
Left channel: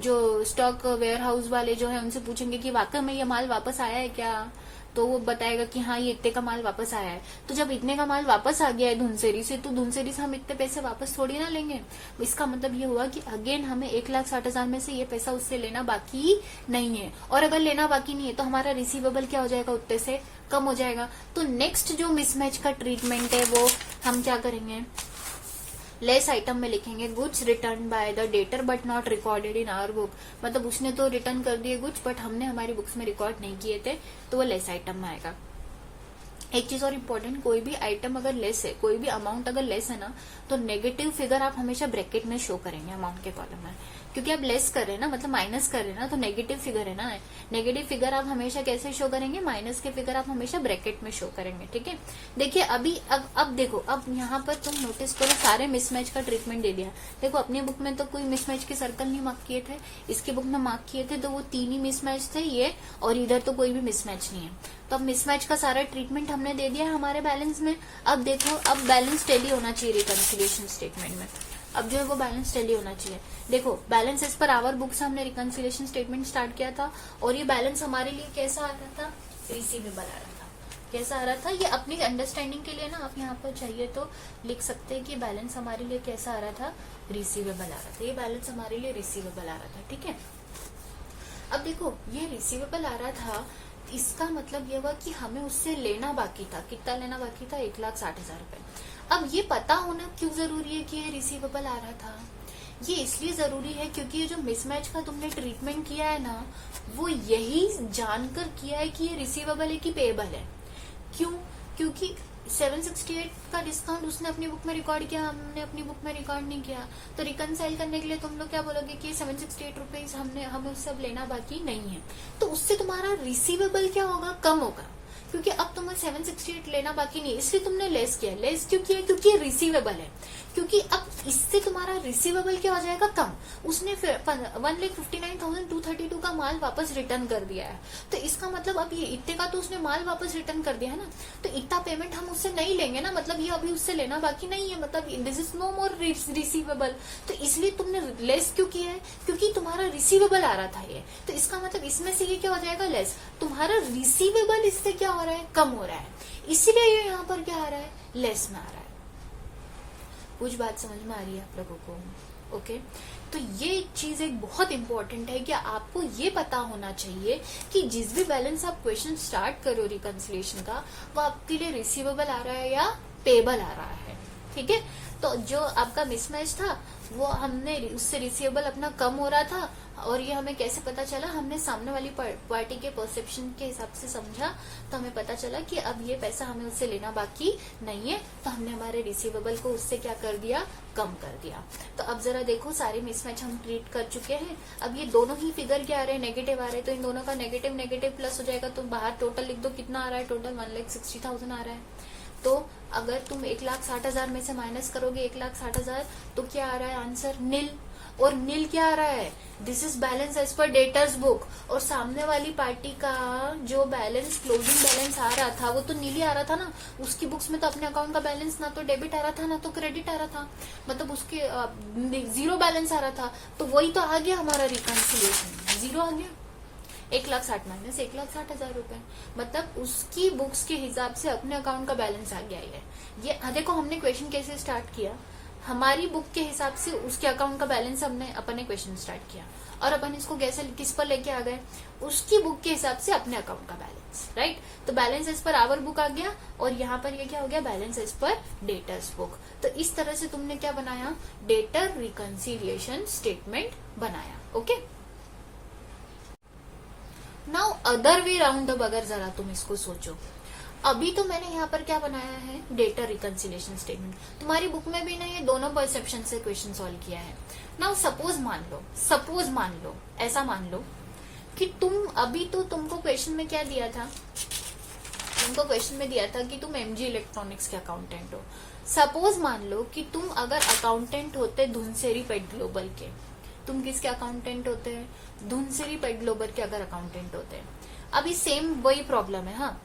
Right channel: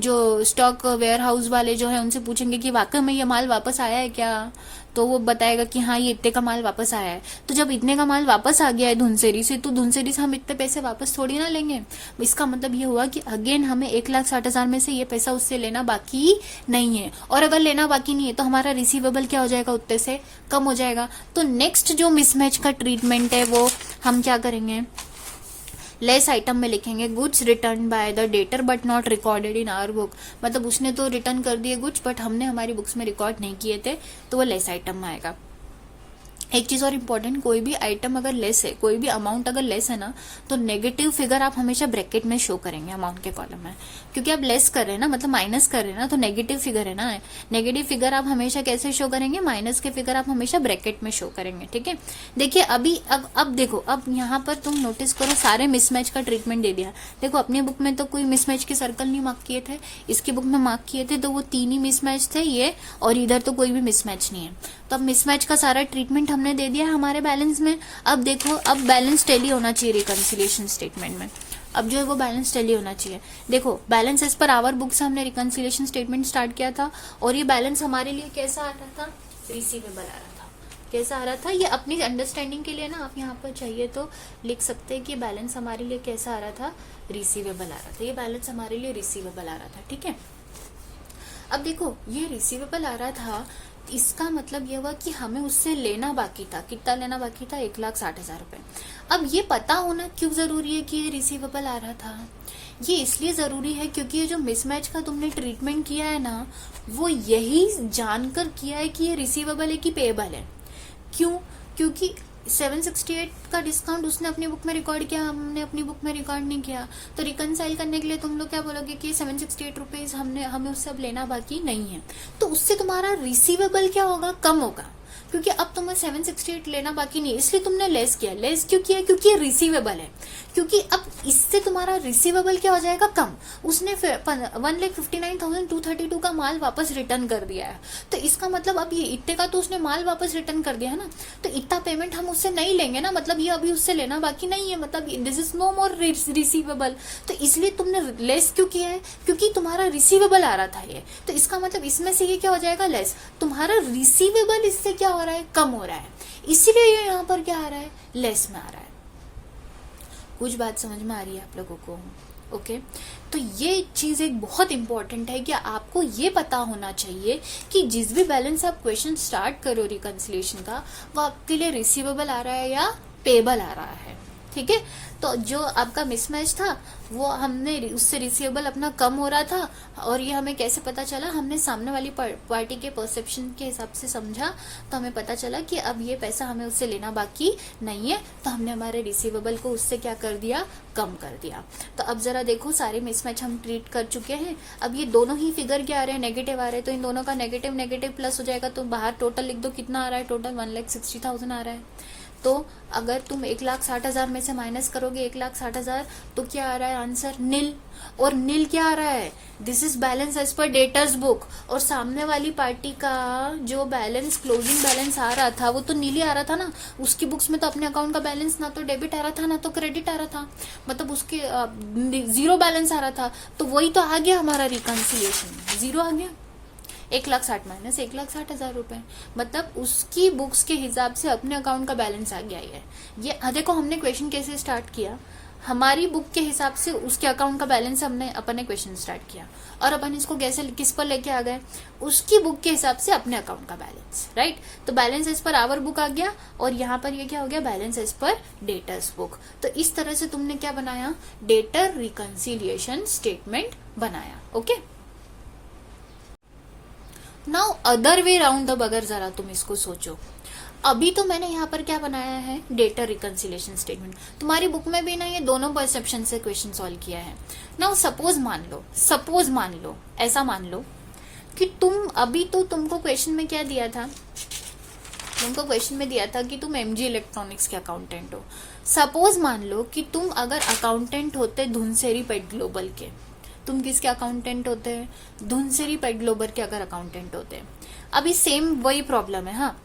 जो स्टॉक वेयर हाउस वाले जो है उनसे पूछेंगे कि वाकई में ये माल वापस आया है क्या, तो वो बताएगा कि हाँ ये इतने का माल वापस आया है। तो जब इतने का माल वापस आ गया है धुनसेरी से, तो धुनसेरी से हम इतने पैसे वापस थोड़ी ना लेंगे। इसका मतलब ये हुआ कि अगेन हमें 1,60,000 में से ये पैसा उससे लेना बाकी नहीं है, और अगर लेना बाकी नहीं है तो हमारा रिसीवेबल क्या हो जाएगा, उतने से कम हो जाएगा। तो नेक्स्ट जो मिसमैच का ट्रीटमेंट है वो हम क्या करेंगे, लेस आइटम में लिखेंगे goods return by the debtor but not recorded in our book. मतलब उसने तो रिटर्न कर दिए गुड्स, बट हमने हमारी बुक्स में रिकॉर्ड नहीं किए थे, तो वो लेस आइटम में आएगा। एक चीज और इम्पोर्टेंट, कोई भी आइटम अगर लेस है, कोई भी अमाउंट अगर लेस है ना, तो नेगेटिव फिगर आप हमेशा ब्रैकेट में शो करेंगे अमाउंट के कॉलम में, क्योंकि आप लेस कर रहे हैं ना, मतलब माइनस कर रहे हैं ना, तो नेगेटिव फिगर है ना। नेगेटिव फिगर आप हमेशा कैसे शो करेंगे, माइनस के फिगर आप हमेशा ब्रैकेट में शो करेंगे, ठीक है। देखिए अभी अब देखो, अब यहाँ पर तुम नोटिस करो, सारे मिसमैच का ट्रीटमेंट दे दिया। देखो अपनी बुक में तो कोई मिसमैच के सर्कल नहीं मार्क किए थे, इसकी बुक में मार्क किए थे, तो वो 3 ही मिसमैच थे ये, और इधर तो कोई भी मिसमैच नहीं है। तो अब मिसमैच का सारा ट्रीटमेंट हमने दे दिया है हमारे बैलेंस में। अब देखो, अब बैलेंस टैली होना चाहिए रिकंसिलिएशन स्टेटमेंट में। अब जो है वो बैलेंस टैली होना चाहिए। देखो, balance as per our book से हमने रिकंसिलिएशन स्टेटमेंट स्टार्ट किया था, और ये बैलेंस हमारे लिए कैसा आ रहा था, रिसीवेबल आ रहा था। कैसा आ रहा था, ये अपनी अंडरस्टैंडिंग के लिए ना आप यहाँ पर चाहिए तो लिख सकते हैं कि बैलेंस हमारे लिए कैसा आ रहा था, रिसीवेबल आ रहा था। ये बैलेंस हमारे लिए रिसीवेबल आ रहा था, ठीक है। अब देखो, ये रिसीवेबल आ रहा था, इसका मतलब ये हुआ कि हमें उससे लेना बाकी था। कितना लेना बाकी था, 1,60,000 रुपए। अब ये पता होना क्यों जरूरी है कि ये रिसीवेबल आ रहा था? ये इसलिए जरूरी है क्योंकि ये जो मिसमैच का तुमने ट्रीटमेंट किया है ना, वो यही जानकर किया है कि ये रिसीवेबल है कि पेएबल है। क्यों? क्योंकि 768 का डिस्काउंट उसने अपनी बुक में रिकॉर्ड किया, हमने अपनी बुक में रिकॉर्ड नहीं किया। तो रिकंसाइल करने के लिए तुम लोग क्या बोलोगे कि 768 रुपीज हमें उससे अब लेना बाकी नहीं है। तो उससे तुम्हारा रिसीवेबल क्या होगा, कम होगा, क्योंकि अब तुम्हें 768 लेना बाकी नहीं, इसलिए तुमने लेस किया। लेस क्यों किया? क्योंकि ये रिसीवेबल है। क्योंकि अब इससे तुम्हारा रिसीवेबल क्या हो जाएगा, कम। उसने फिर 1,59,232 का माल वापस रिटर्न कर दिया है। तो इसका मतलब अब ये इतने का तो उसने माल वापस रिटर्न कर दिया है ना, तो इतना पेमेंट हम उससे नहीं लेंगे ना, मतलब ये अभी उससे लेना बाकी नहीं है, मतलब this is no more receivable. तो इसलिए तुमने लेस क्यों किया है? क्योंकि तुम्हारा रिसीवेबल आ रहा था ये। तो इसका मतलब इसमें से ये क्या हो जाएगा, लेस। तुम्हारा रिसीवेबल इससे क्या हो रहा है, कम हो रहा है, इसीलिए ये यहाँ पर क्या आ रहा है, लेस में आ रहा है। कुछ बात समझ में आ रही है आप लोगों को? ओके, तो ये चीज एक बहुत इंपॉर्टेंट है कि आपको ये पता होना चाहिए कि जिस भी बैलेंस आप क्वेश्चन स्टार्ट करो रिकंसिलिएशन का, वो आपके लिए रिसीवेबल आ रहा है या पेएबल आ रहा है, ठीक है। तो जो आपका मिसमैच था वो हमने उससे रिसीवेबल अपना कम हो रहा था, और ये हमें कैसे पता चला, हमने सामने वाली पार्टी के परसेप्शन के हिसाब से समझा, तो हमें पता चला कि अब ये पैसा हमें उससे लेना बाकी नहीं है, तो हमने हमारे रिसीवेबल को उससे क्या कर दिया, कम कर दिया। तो अब जरा देखो, सारे मिसमैच हम ट्रीट कर चुके हैं। अब ये दोनों ही फिगर क्या आ रहे हैं, नेगेटिव आ रहे हैं, तो इन दोनों का नेगेटिव नेगेटिव प्लस हो जाएगा, तो बाहर टोटल लिख दो, कितना आ रहा है, टोटल 1,60,000 आ रहा है। तो अगर तुम 1,60,000 में से माइनस करोगे 1,60,000, तो क्या आ रहा है आंसर, नील। और नील क्या आ रहा है, this is balance as per debtors book. और सामने वाली पार्टी का जो बैलेंस, क्लोजिंग बैलेंस आ रहा था, वो तो नील ही आ रहा था ना। उसकी बुक्स में तो अपने अकाउंट का बैलेंस ना तो डेबिट आ रहा था ना तो क्रेडिट आ रहा था, मतलब उसके जीरो बैलेंस आ रहा था। तो वही तो आ गया हमारा रिकंसिलिएशन, जीरो आ गया। 1,60,000 माइनस 1,60,000 रुपए, मतलब उसकी बुक्स के हिसाब से अपने अकाउंट का बैलेंस आ गया ये देखो, हमने क्वेश्चन कैसे स्टार्ट किया, हमारी बुक के हिसाब से उसके अकाउंट का बैलेंस हमने अपने क्वेश्चन स्टार्ट किया, और अपन इसको कैसे किस पर लेके आ गए, उसकी बुक के हिसाब से अपने अकाउंट का बैलेंस, राइट। तो balance as per our book आ गया, और यहाँ पर ये क्या हो गया, balance as per debtors book. तो इस तरह से तुमने क्या बनाया, डेटर रिकंसिलिएशन स्टेटमेंट बनाया। Okay, now other way round the बगर, जरा तुम इसको सोचो। अभी तो मैंने यहाँ पर क्या बनाया है, डेटर रिकंसिलिएशन स्टेटमेंट। तुम्हारी बुक में भी ना ये दोनों परसेप्शन से क्वेश्चन सॉल्व किया है। नाउ सपोज मान लो ऐसा मान लो कि तुम अभी तो तुमको क्वेश्चन में क्या दिया था, तुमको क्वेश्चन में दिया था कि तुम एमजी इलेक्ट्रॉनिक्स के अकाउंटेंट हो। सपोज मान लो कि तुम अगर अकाउंटेंट होते धुनसेरी पेट ग्लोबल के, तुम किसके अकाउंटेंट होते हैं, धुनसेरी पेट ग्लोबल के अगर अकाउंटेंट होते हैं। अभी सेम वही प्रॉब्लम है, हाँ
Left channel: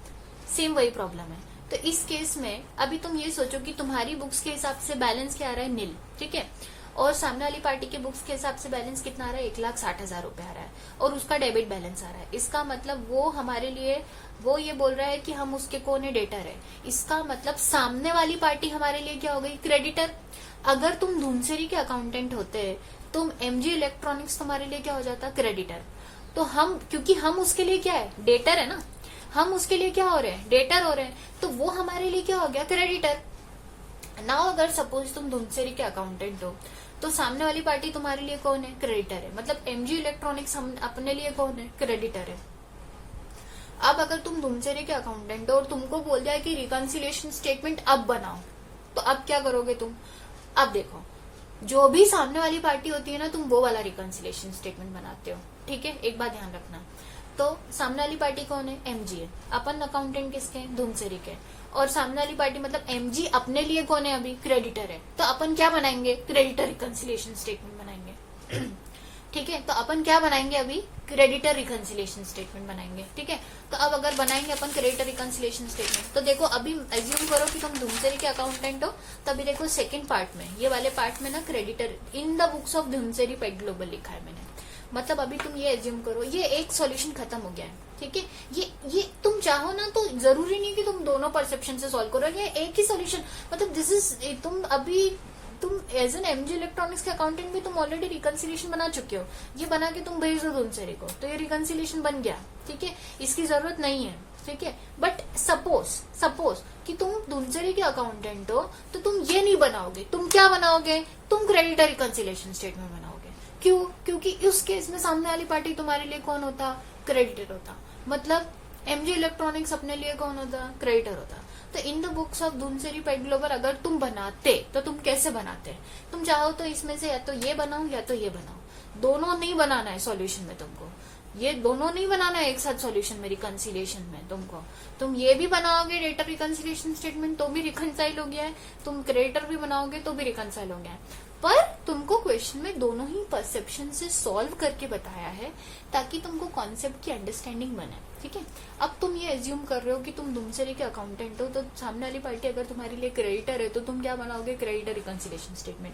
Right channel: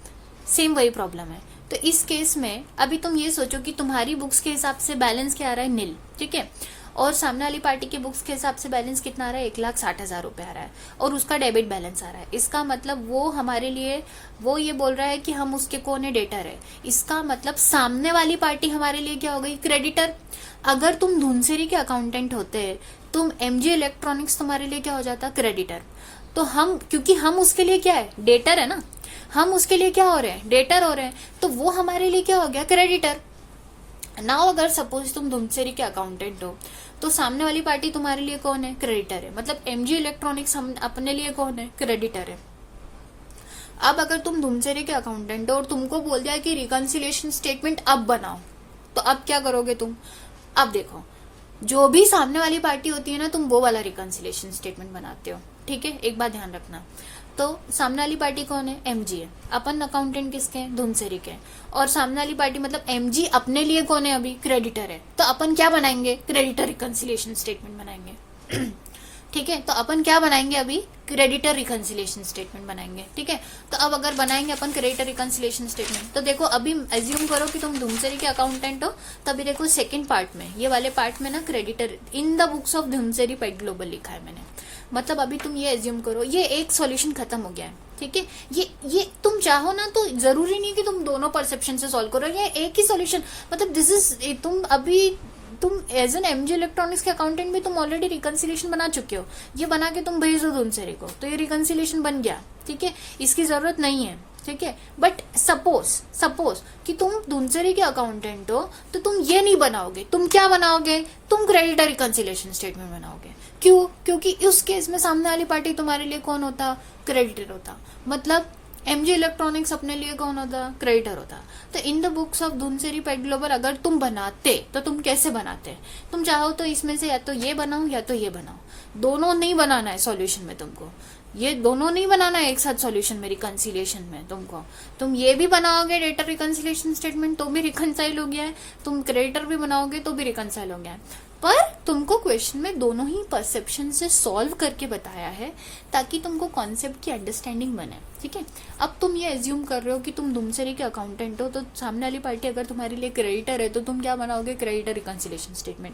सेम वही प्रॉब्लम है। तो इस केस में अभी तुम ये सोचो कि तुम्हारी बुक्स के हिसाब से बैलेंस क्या आ रहा है, नील, ठीक है, और सामने वाली पार्टी के बुक्स के हिसाब से बैलेंस कितना आ रहा है, 1,60,000 रुपए आ रहा है, और उसका डेबिट बैलेंस आ रहा है। इसका मतलब वो हमारे लिए, वो ये बोल रहा है कि हम उसके कौन है, डेटर है। इसका मतलब सामने वाली पार्टी हमारे लिए क्या हो गई, क्रेडिटर। अगर तुम धुनसेरी के अकाउंटेंट होते, तुम एमजी इलेक्ट्रॉनिक्स, तुम्हारे लिए क्या हो जाता, क्रेडिटर। तो हम, क्योंकि हम उसके लिए क्या है, डेटर है ना, हम उसके लिए क्या हो रहे हैं, डेटर हो रहे हैं, तो वो हमारे लिए क्या हो गया, क्रेडिटर। नाउ अगर सपोज तुम धुनसेरी के अकाउंटेंट हो, तो सामने वाली पार्टी तुम्हारे लिए कौन है, क्रेडिटर है, मतलब एमजी इलेक्ट्रॉनिक्स हम अपने लिए कौन है, क्रेडिटर है। अब अगर तुम धुनसेरी के अकाउंटेंट हो और तुमको बोल दिया कि रिकंसिलिएशन स्टेटमेंट अब बनाओ, तो अब क्या करोगे तुम। अब देखो, जो भी सामने वाली पार्टी होती है ना, तुम वो वाला रिकंसिलिएशन स्टेटमेंट बनाते हो, ठीक है। एक बात ध्यान रखना, तो सामने वाली पार्टी कौन है, एमजी है, अपन अकाउंटेंट किसके हैं, धुनसेरी के, और सामने वाली पार्टी मतलब एमजी अपने लिए कौन है, अभी क्रेडिटर है। तो अपन क्या बनाएंगे, क्रेडिटर रिकंसिलिएशन स्टेटमेंट बनाएंगे ठीक है, तो अपन क्या बनाएंगे अभी, क्रेडिटर रिकंसिलिएशन स्टेटमेंट बनाएंगे। ठीक है, तो अब अगर बनाएंगे अपन क्रेडिटर रिकंसिलिएशन स्टेटमेंट, तो देखो अभी एज्यूम करो कि तुम धुमसेरी के अकाउंटेंट हो, तभी देखो सेकंड पार्ट में, ये वाले पार्ट में ना creditor in the books of Dhumseri Pet Global लिखा है मैंने। मतलब अभी तुम ये एज्यूम करो, ये एक सॉल्यूशन खत्म हो गया है। ठीक है, ये तुम चाहो ना तो जरूरी नहीं कि तुम दोनों परसेप्शन से सॉल्व करो, ये एक ही सॉल्यूशन, मतलब दिस इज, तुम एज एन एमजी इलेक्ट्रॉनिक्स के अकाउंटेंट भी तुम ऑलरेडी रिकंसिलिएशन बना चुके हो, ये बना के तुम भेज दो धुमसेरी को, तो ये रिकंसिलिएशन बन गया। ठीक है, इसकी जरूरत नहीं है। ठीक है, बट सपोज कि तुम धुमसेरी के अकाउंटेंट हो, तो तुम ये नहीं बनाओगे, तुम क्या बनाओगे, तुम क्रेडिटर रिकंसिलिएशन स्टेटमेंट बनाओगे। क्यों? क्योंकि उस केस में सामने वाली पार्टी तुम्हारे लिए कौन होता, क्रेडिटर होता, मतलब एमजी इलेक्ट्रॉनिक्स अपने लिए कौन होता, क्रेडिटर होता। तो in the books of Dhumseri Pet Global अगर तुम बनाते तो तुम कैसे बनाते, तुम चाहो तो इसमें से या तो ये बनाओ या तो ये बनाओ, दोनों नहीं बनाना है सॉल्यूशन में तुमको, ये दोनों नहीं बनाना है एक साथ सॉल्यूशन में, रिकंसिलिएशन में तुमको। तुम ये भी बनाओगे डेटर रिकंसिलिएशन स्टेटमेंट तो भी रिकंसाइल हो गया है, तुम क्रेडिटर भी बनाओगे तो भी रिकंसाइल हो गया है, पर तुमको क्वेश्चन में दोनों ही परसेप्शन से सॉल्व करके बताया है ताकि तुमको कॉन्सेप्ट की अंडरस्टैंडिंग बने। ठीक है, अब तुम ये एज्यूम कर रहे हो कि तुम धुमसेरी के अकाउंटेंट हो, तो सामने वाली पार्टी अगर तुम्हारे लिए क्रेडिटर है तो तुम क्या बनाओगे, क्रेडिटर रिकंसिलिएशन स्टेटमेंट।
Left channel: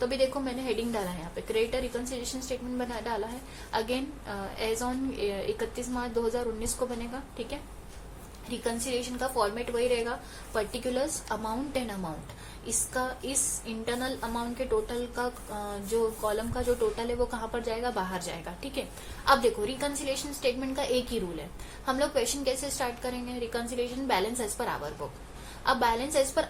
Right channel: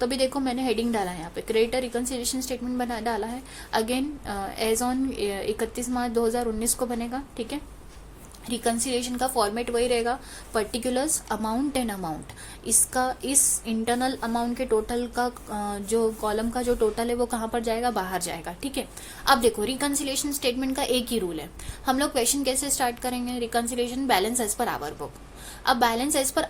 तो भी देखो मैंने हेडिंग डाला है यहाँ पे, क्रेडिटर रिकंसिलिएशन स्टेटमेंट बना डाला है। अगेन एज ऑन 31 मार्च 2019 को बनेगा। ठीक है, रिकंसिलिएशन का फॉर्मेट वही रहेगा, पर्टिकुलर्स, अमाउंट एंड अमाउंट। इसका इस इंटरनल अमाउंट के टोटल का जो कॉलम का जो टोटल है वो कहाँ पर जाएगा, बाहर जाएगा। ठीक है, अब देखो रिकंसिलिएशन स्टेटमेंट का एक ही रूल है। हम लोग क्वेश्चन कैसे स्टार्ट करेंगे, reconciliation balance as per our book. अब balance as per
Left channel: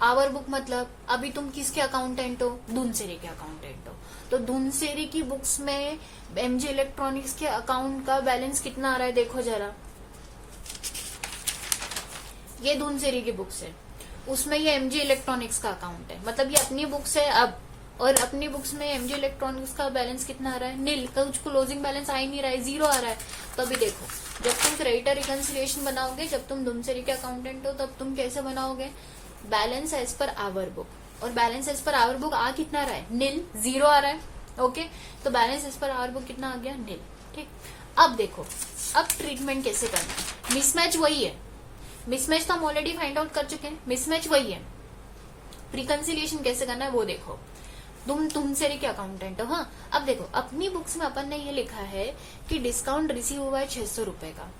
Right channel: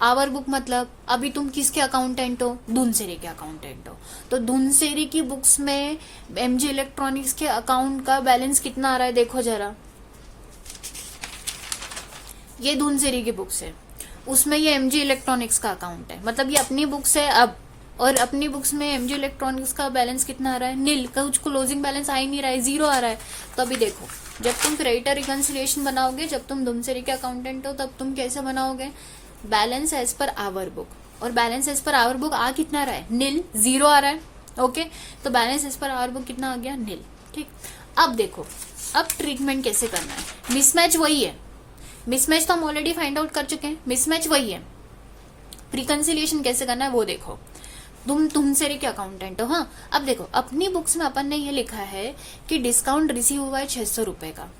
our book मतलब अभी तुम किसके अकाउंटेंट हो, धुमसेरी के अकाउंटेंट हो, तो धुमसेरी की बुक्स में एमजी इलेक्ट्रॉनिक्स के अकाउंट का बैलेंस कितना आ रहा है, देखो जरा, ये धुमसेरी की बुक्स है, उसमें ये एमजी इलेक्ट्रॉनिक्स का अकाउंट है, मतलब ये अपनी बुक्स है अब, और अपनी बुक्स में एमजी इलेक्ट्रॉनिक्स का बैलेंस कितना आ रहा है, नील, कुछ क्लोजिंग बैलेंस आ ही नहीं रहा है, 0 आ रहा है। तो अभी देखो जब तुम क्रेडिटर रिकंसिलिएशन बनाओगे, जब तुम धुमसेरी के अकाउंटेंट हो, तब तुम कैसे बनाओगे, balance as per our book, और balance as per our book आ कितना रहा है, नील, 0 आ रहा है। ओके, तो balance as per our book कितना आ गया, नील। ठीक, अब देखो अब ट्रीटमेंट कैसे करना है, मिसमैच वही है, मिसमैच तो हम ऑलरेडी फाइंड आउट कर चुके हैं, मिसमैच वही है, रिकंसिलिएशन कैसे करना है वो देखो। तुम धुमसेरी के अकाउंटेंट हो, हाँ। अब देखो अपनी बुक्स में अपन ने ये लिखा है कि डिस्काउंट रिसीव हुआ है 600 रुपए का,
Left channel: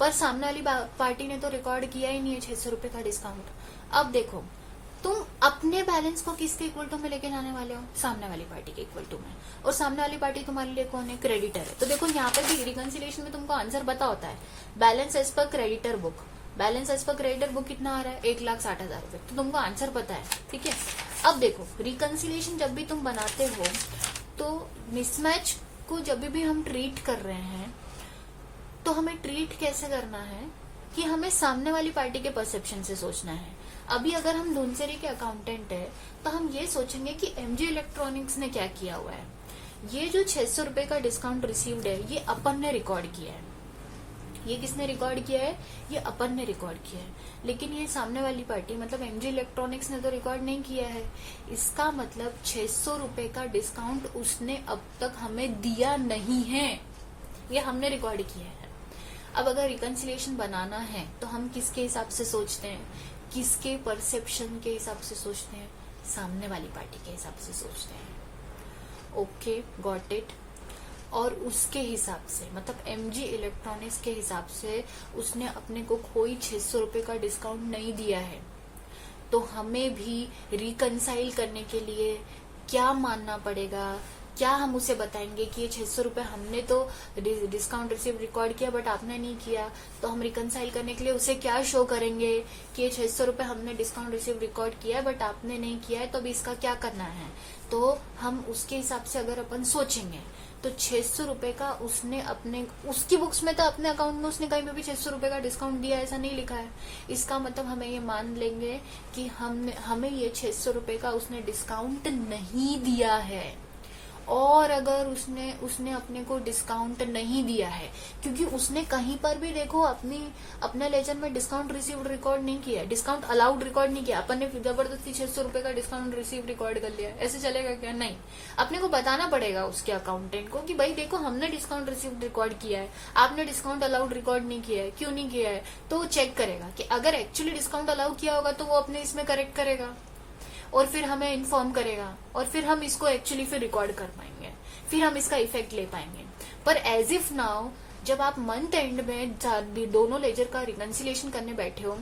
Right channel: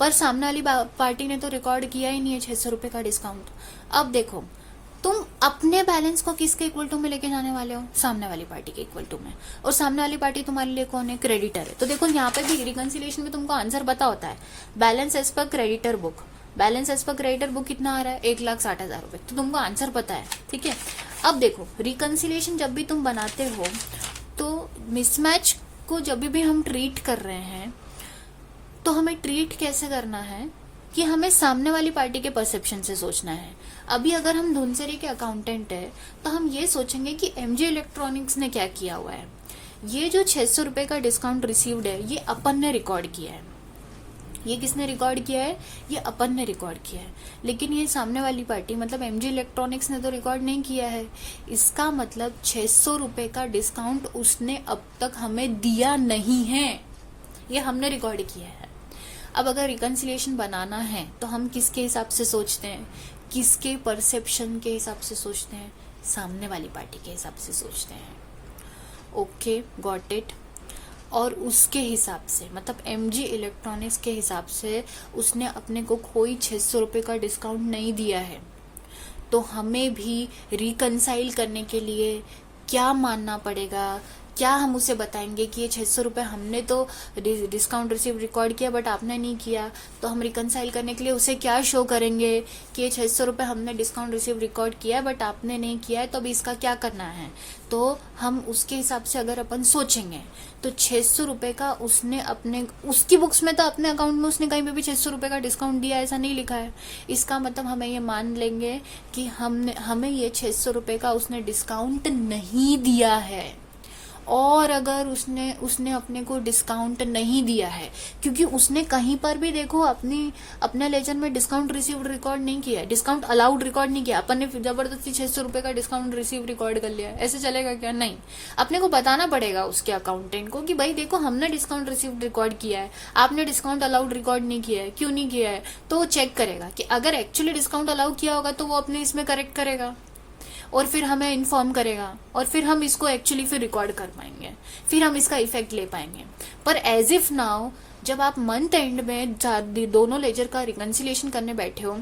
पर सामने वाली पार्टी ने तो रिकॉर्ड किया ही नहीं है 600 रुपए का डिस्काउंट। अब देखो तुम अपने बैलेंस को किसके इक्वल टू में लेके जाने वाले हो, सामने वाली पार्टी के इक्वल टू में, और सामने वाली पार्टी तुम्हारे लिए कौन है, क्रेडिटर है। तो देखो यहाँ पे भी रिकंसिलिएशन में तुमको आंसर पता होता है, balance as per creditor book, balance as per creditor book कितना आ रहा है, 1,60,000 रुपए, तो तुमको आंसर पता है। ठीक है, अब देखो रिकंसिलिएशन जब भी तुम बनाते हो तो मिसमैच को जब भी हम ट्रीट कर रहे हैं तो हमें ट्रीट कैसे करना है कि हमें सामने वाली पार्टी के परसेप्शन से सोचना है। अभी अगर हम धुमसेरी के अकाउंटेंट है तो हम ये सोचेंगे कि एमजी इलेक्ट्रॉनिक्स ने क्या किया हुआ है, ये जो 600 रुपए का डिस्काउंट रिसीव्ड है ये अपन ने रिकॉर्ड किया है, ये किसने रिकॉर्ड किया है, ये अपन ने रिकॉर्ड किया है, लेकिन ये सामने वाली पार्टी मतलब एमजी इलेक्ट्रॉनिक्स ने तो रिकॉर्ड नहीं किया है। इसका मतलब 600 रुपए का डिस्काउंट उसने अब तक हमें दिया नहीं है, ये हमने रिकॉर्ड किया है। अब अगर रिकंसिलिएशन बनाना है तो हम किसके हिसाब से सोचते हैं, किसके परसेप्शन के हिसाब से सोचते हैं, सामने वाली पार्टी के हिसाब से सोचते हैं। Okay, got it. और उसके हिसाब से मतलब एमजी इलेक्ट्रॉनिक्स के हिसाब से उसने अपने को कोई 600 रुपए का डिस्काउंट नहीं दिया है, तो हमें भी रिकंसाइल करने के लिए क्या मानना पड़ेगा, क्या हम उसे बताएंगे कि ये 600 रुपए हमने तो डिस्काउंट रिसीव रिकॉर्ड किया बट आपने नहीं किया, तो हम रिकंसाइल करने के लिए उसे क्या शो करेंगे कि ये 600 रुपए हमने डिस्काउंट रिसीव रिकॉर्ड किया है बट आपने नहीं किया है, तो अभी इसका क्या करना है। तो हम उसके हिसाब से अगर अपन सोचेंगे तो 600 रुपए का उसने अपने, उसकी बुक्स में तो अपने अकाउंट में उसने कहीं पे भी 600 रुपए का डिस्काउंट दिया ऐसा नहीं लिखा है। इसका मतलब हमें ये मान लेंगे कि हमें ये 600 रुपए का उसने डिस्काउंट नहीं दिया है, और अगर उसने उसने अपने को डिस्काउंट नहीं दिया है, क्योंकि उसने कहीं पर भी देखो अपने लेजर में डिस्काउंट रिसीव्ड रिकॉर्ड नहीं किया, डिस्काउंट अलाउड रिकॉर्ड नहीं किया, अपन ने जबरदस्ती 600 रुपए का डिस्काउंट रिसीव रिकॉर्ड कर लिया, ऐसे चलेगा क्या? नहीं, अपने को बताना पड़ेगा उसके अकाउंटेंट को कि भाई देखो हमने डिस्काउंट रिसीव रिकॉर्ड किया है, आपने डिस्काउंट अलाउड रिकॉर्ड नहीं किया है, क्यों नहीं किया है? तो वो चेक करेगा कि अगर एक्चुअली डिस्काउंट अलाउ किया होगा तो वो अपने इसमें करेक्ट करेगा और फिर हमें इन्फॉर्म करेगा और फिर हम इसको एक्चुअली फिर रिकॉर्ड कर पाएंगे, फिर हम इसका इफेक्ट ले पाएंगे। पर एज इफ नाउ जब आप मंथ एंड में दोनों लेजर का रिकंसिलिएशन करने बैठे हो,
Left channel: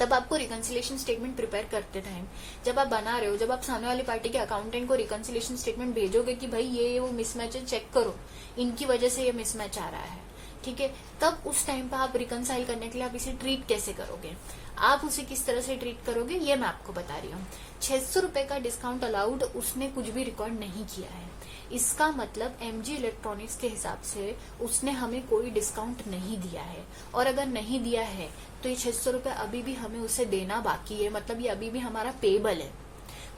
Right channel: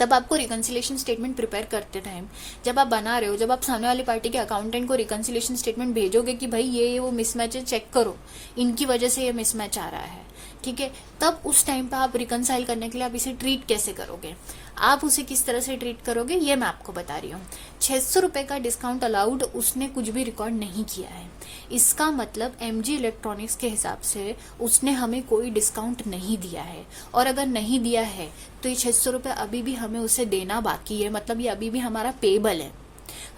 तब आपको रिकंसिलिएशन स्टेटमेंट प्रिपेयर करते टाइम जब आप बना रहे हो, जब आप सामने वाली पार्टी के अकाउंटेंट को रिकंसिलिएशन स्टेटमेंट भेजोगे कि भाई ये वो मिसमैच है, चेक करो, इनकी वजह से ये मिसमैच आ रहा है, ठीक है, तब उस टाइम पे आप रिकंसाइल करने के लिए आप इसे ट्रीट कैसे करोगे, आप उसे किस तरह से ट्रीट करोगे, ये मैं आपको बता रही हूँ। 600 रुपए का डिस्काउंट अलाउड उसने कुछ भी रिकॉर्ड नहीं किया है, इसका मतलब एमजी इलेक्ट्रॉनिक्स के हिसाब से उसने हमें कोई डिस्काउंट नहीं दिया है, और अगर नहीं दिया है तो ये 600 रुपए अभी भी हमें उसे देना बाकी है, मतलब ये अभी भी हमारा पेबल है,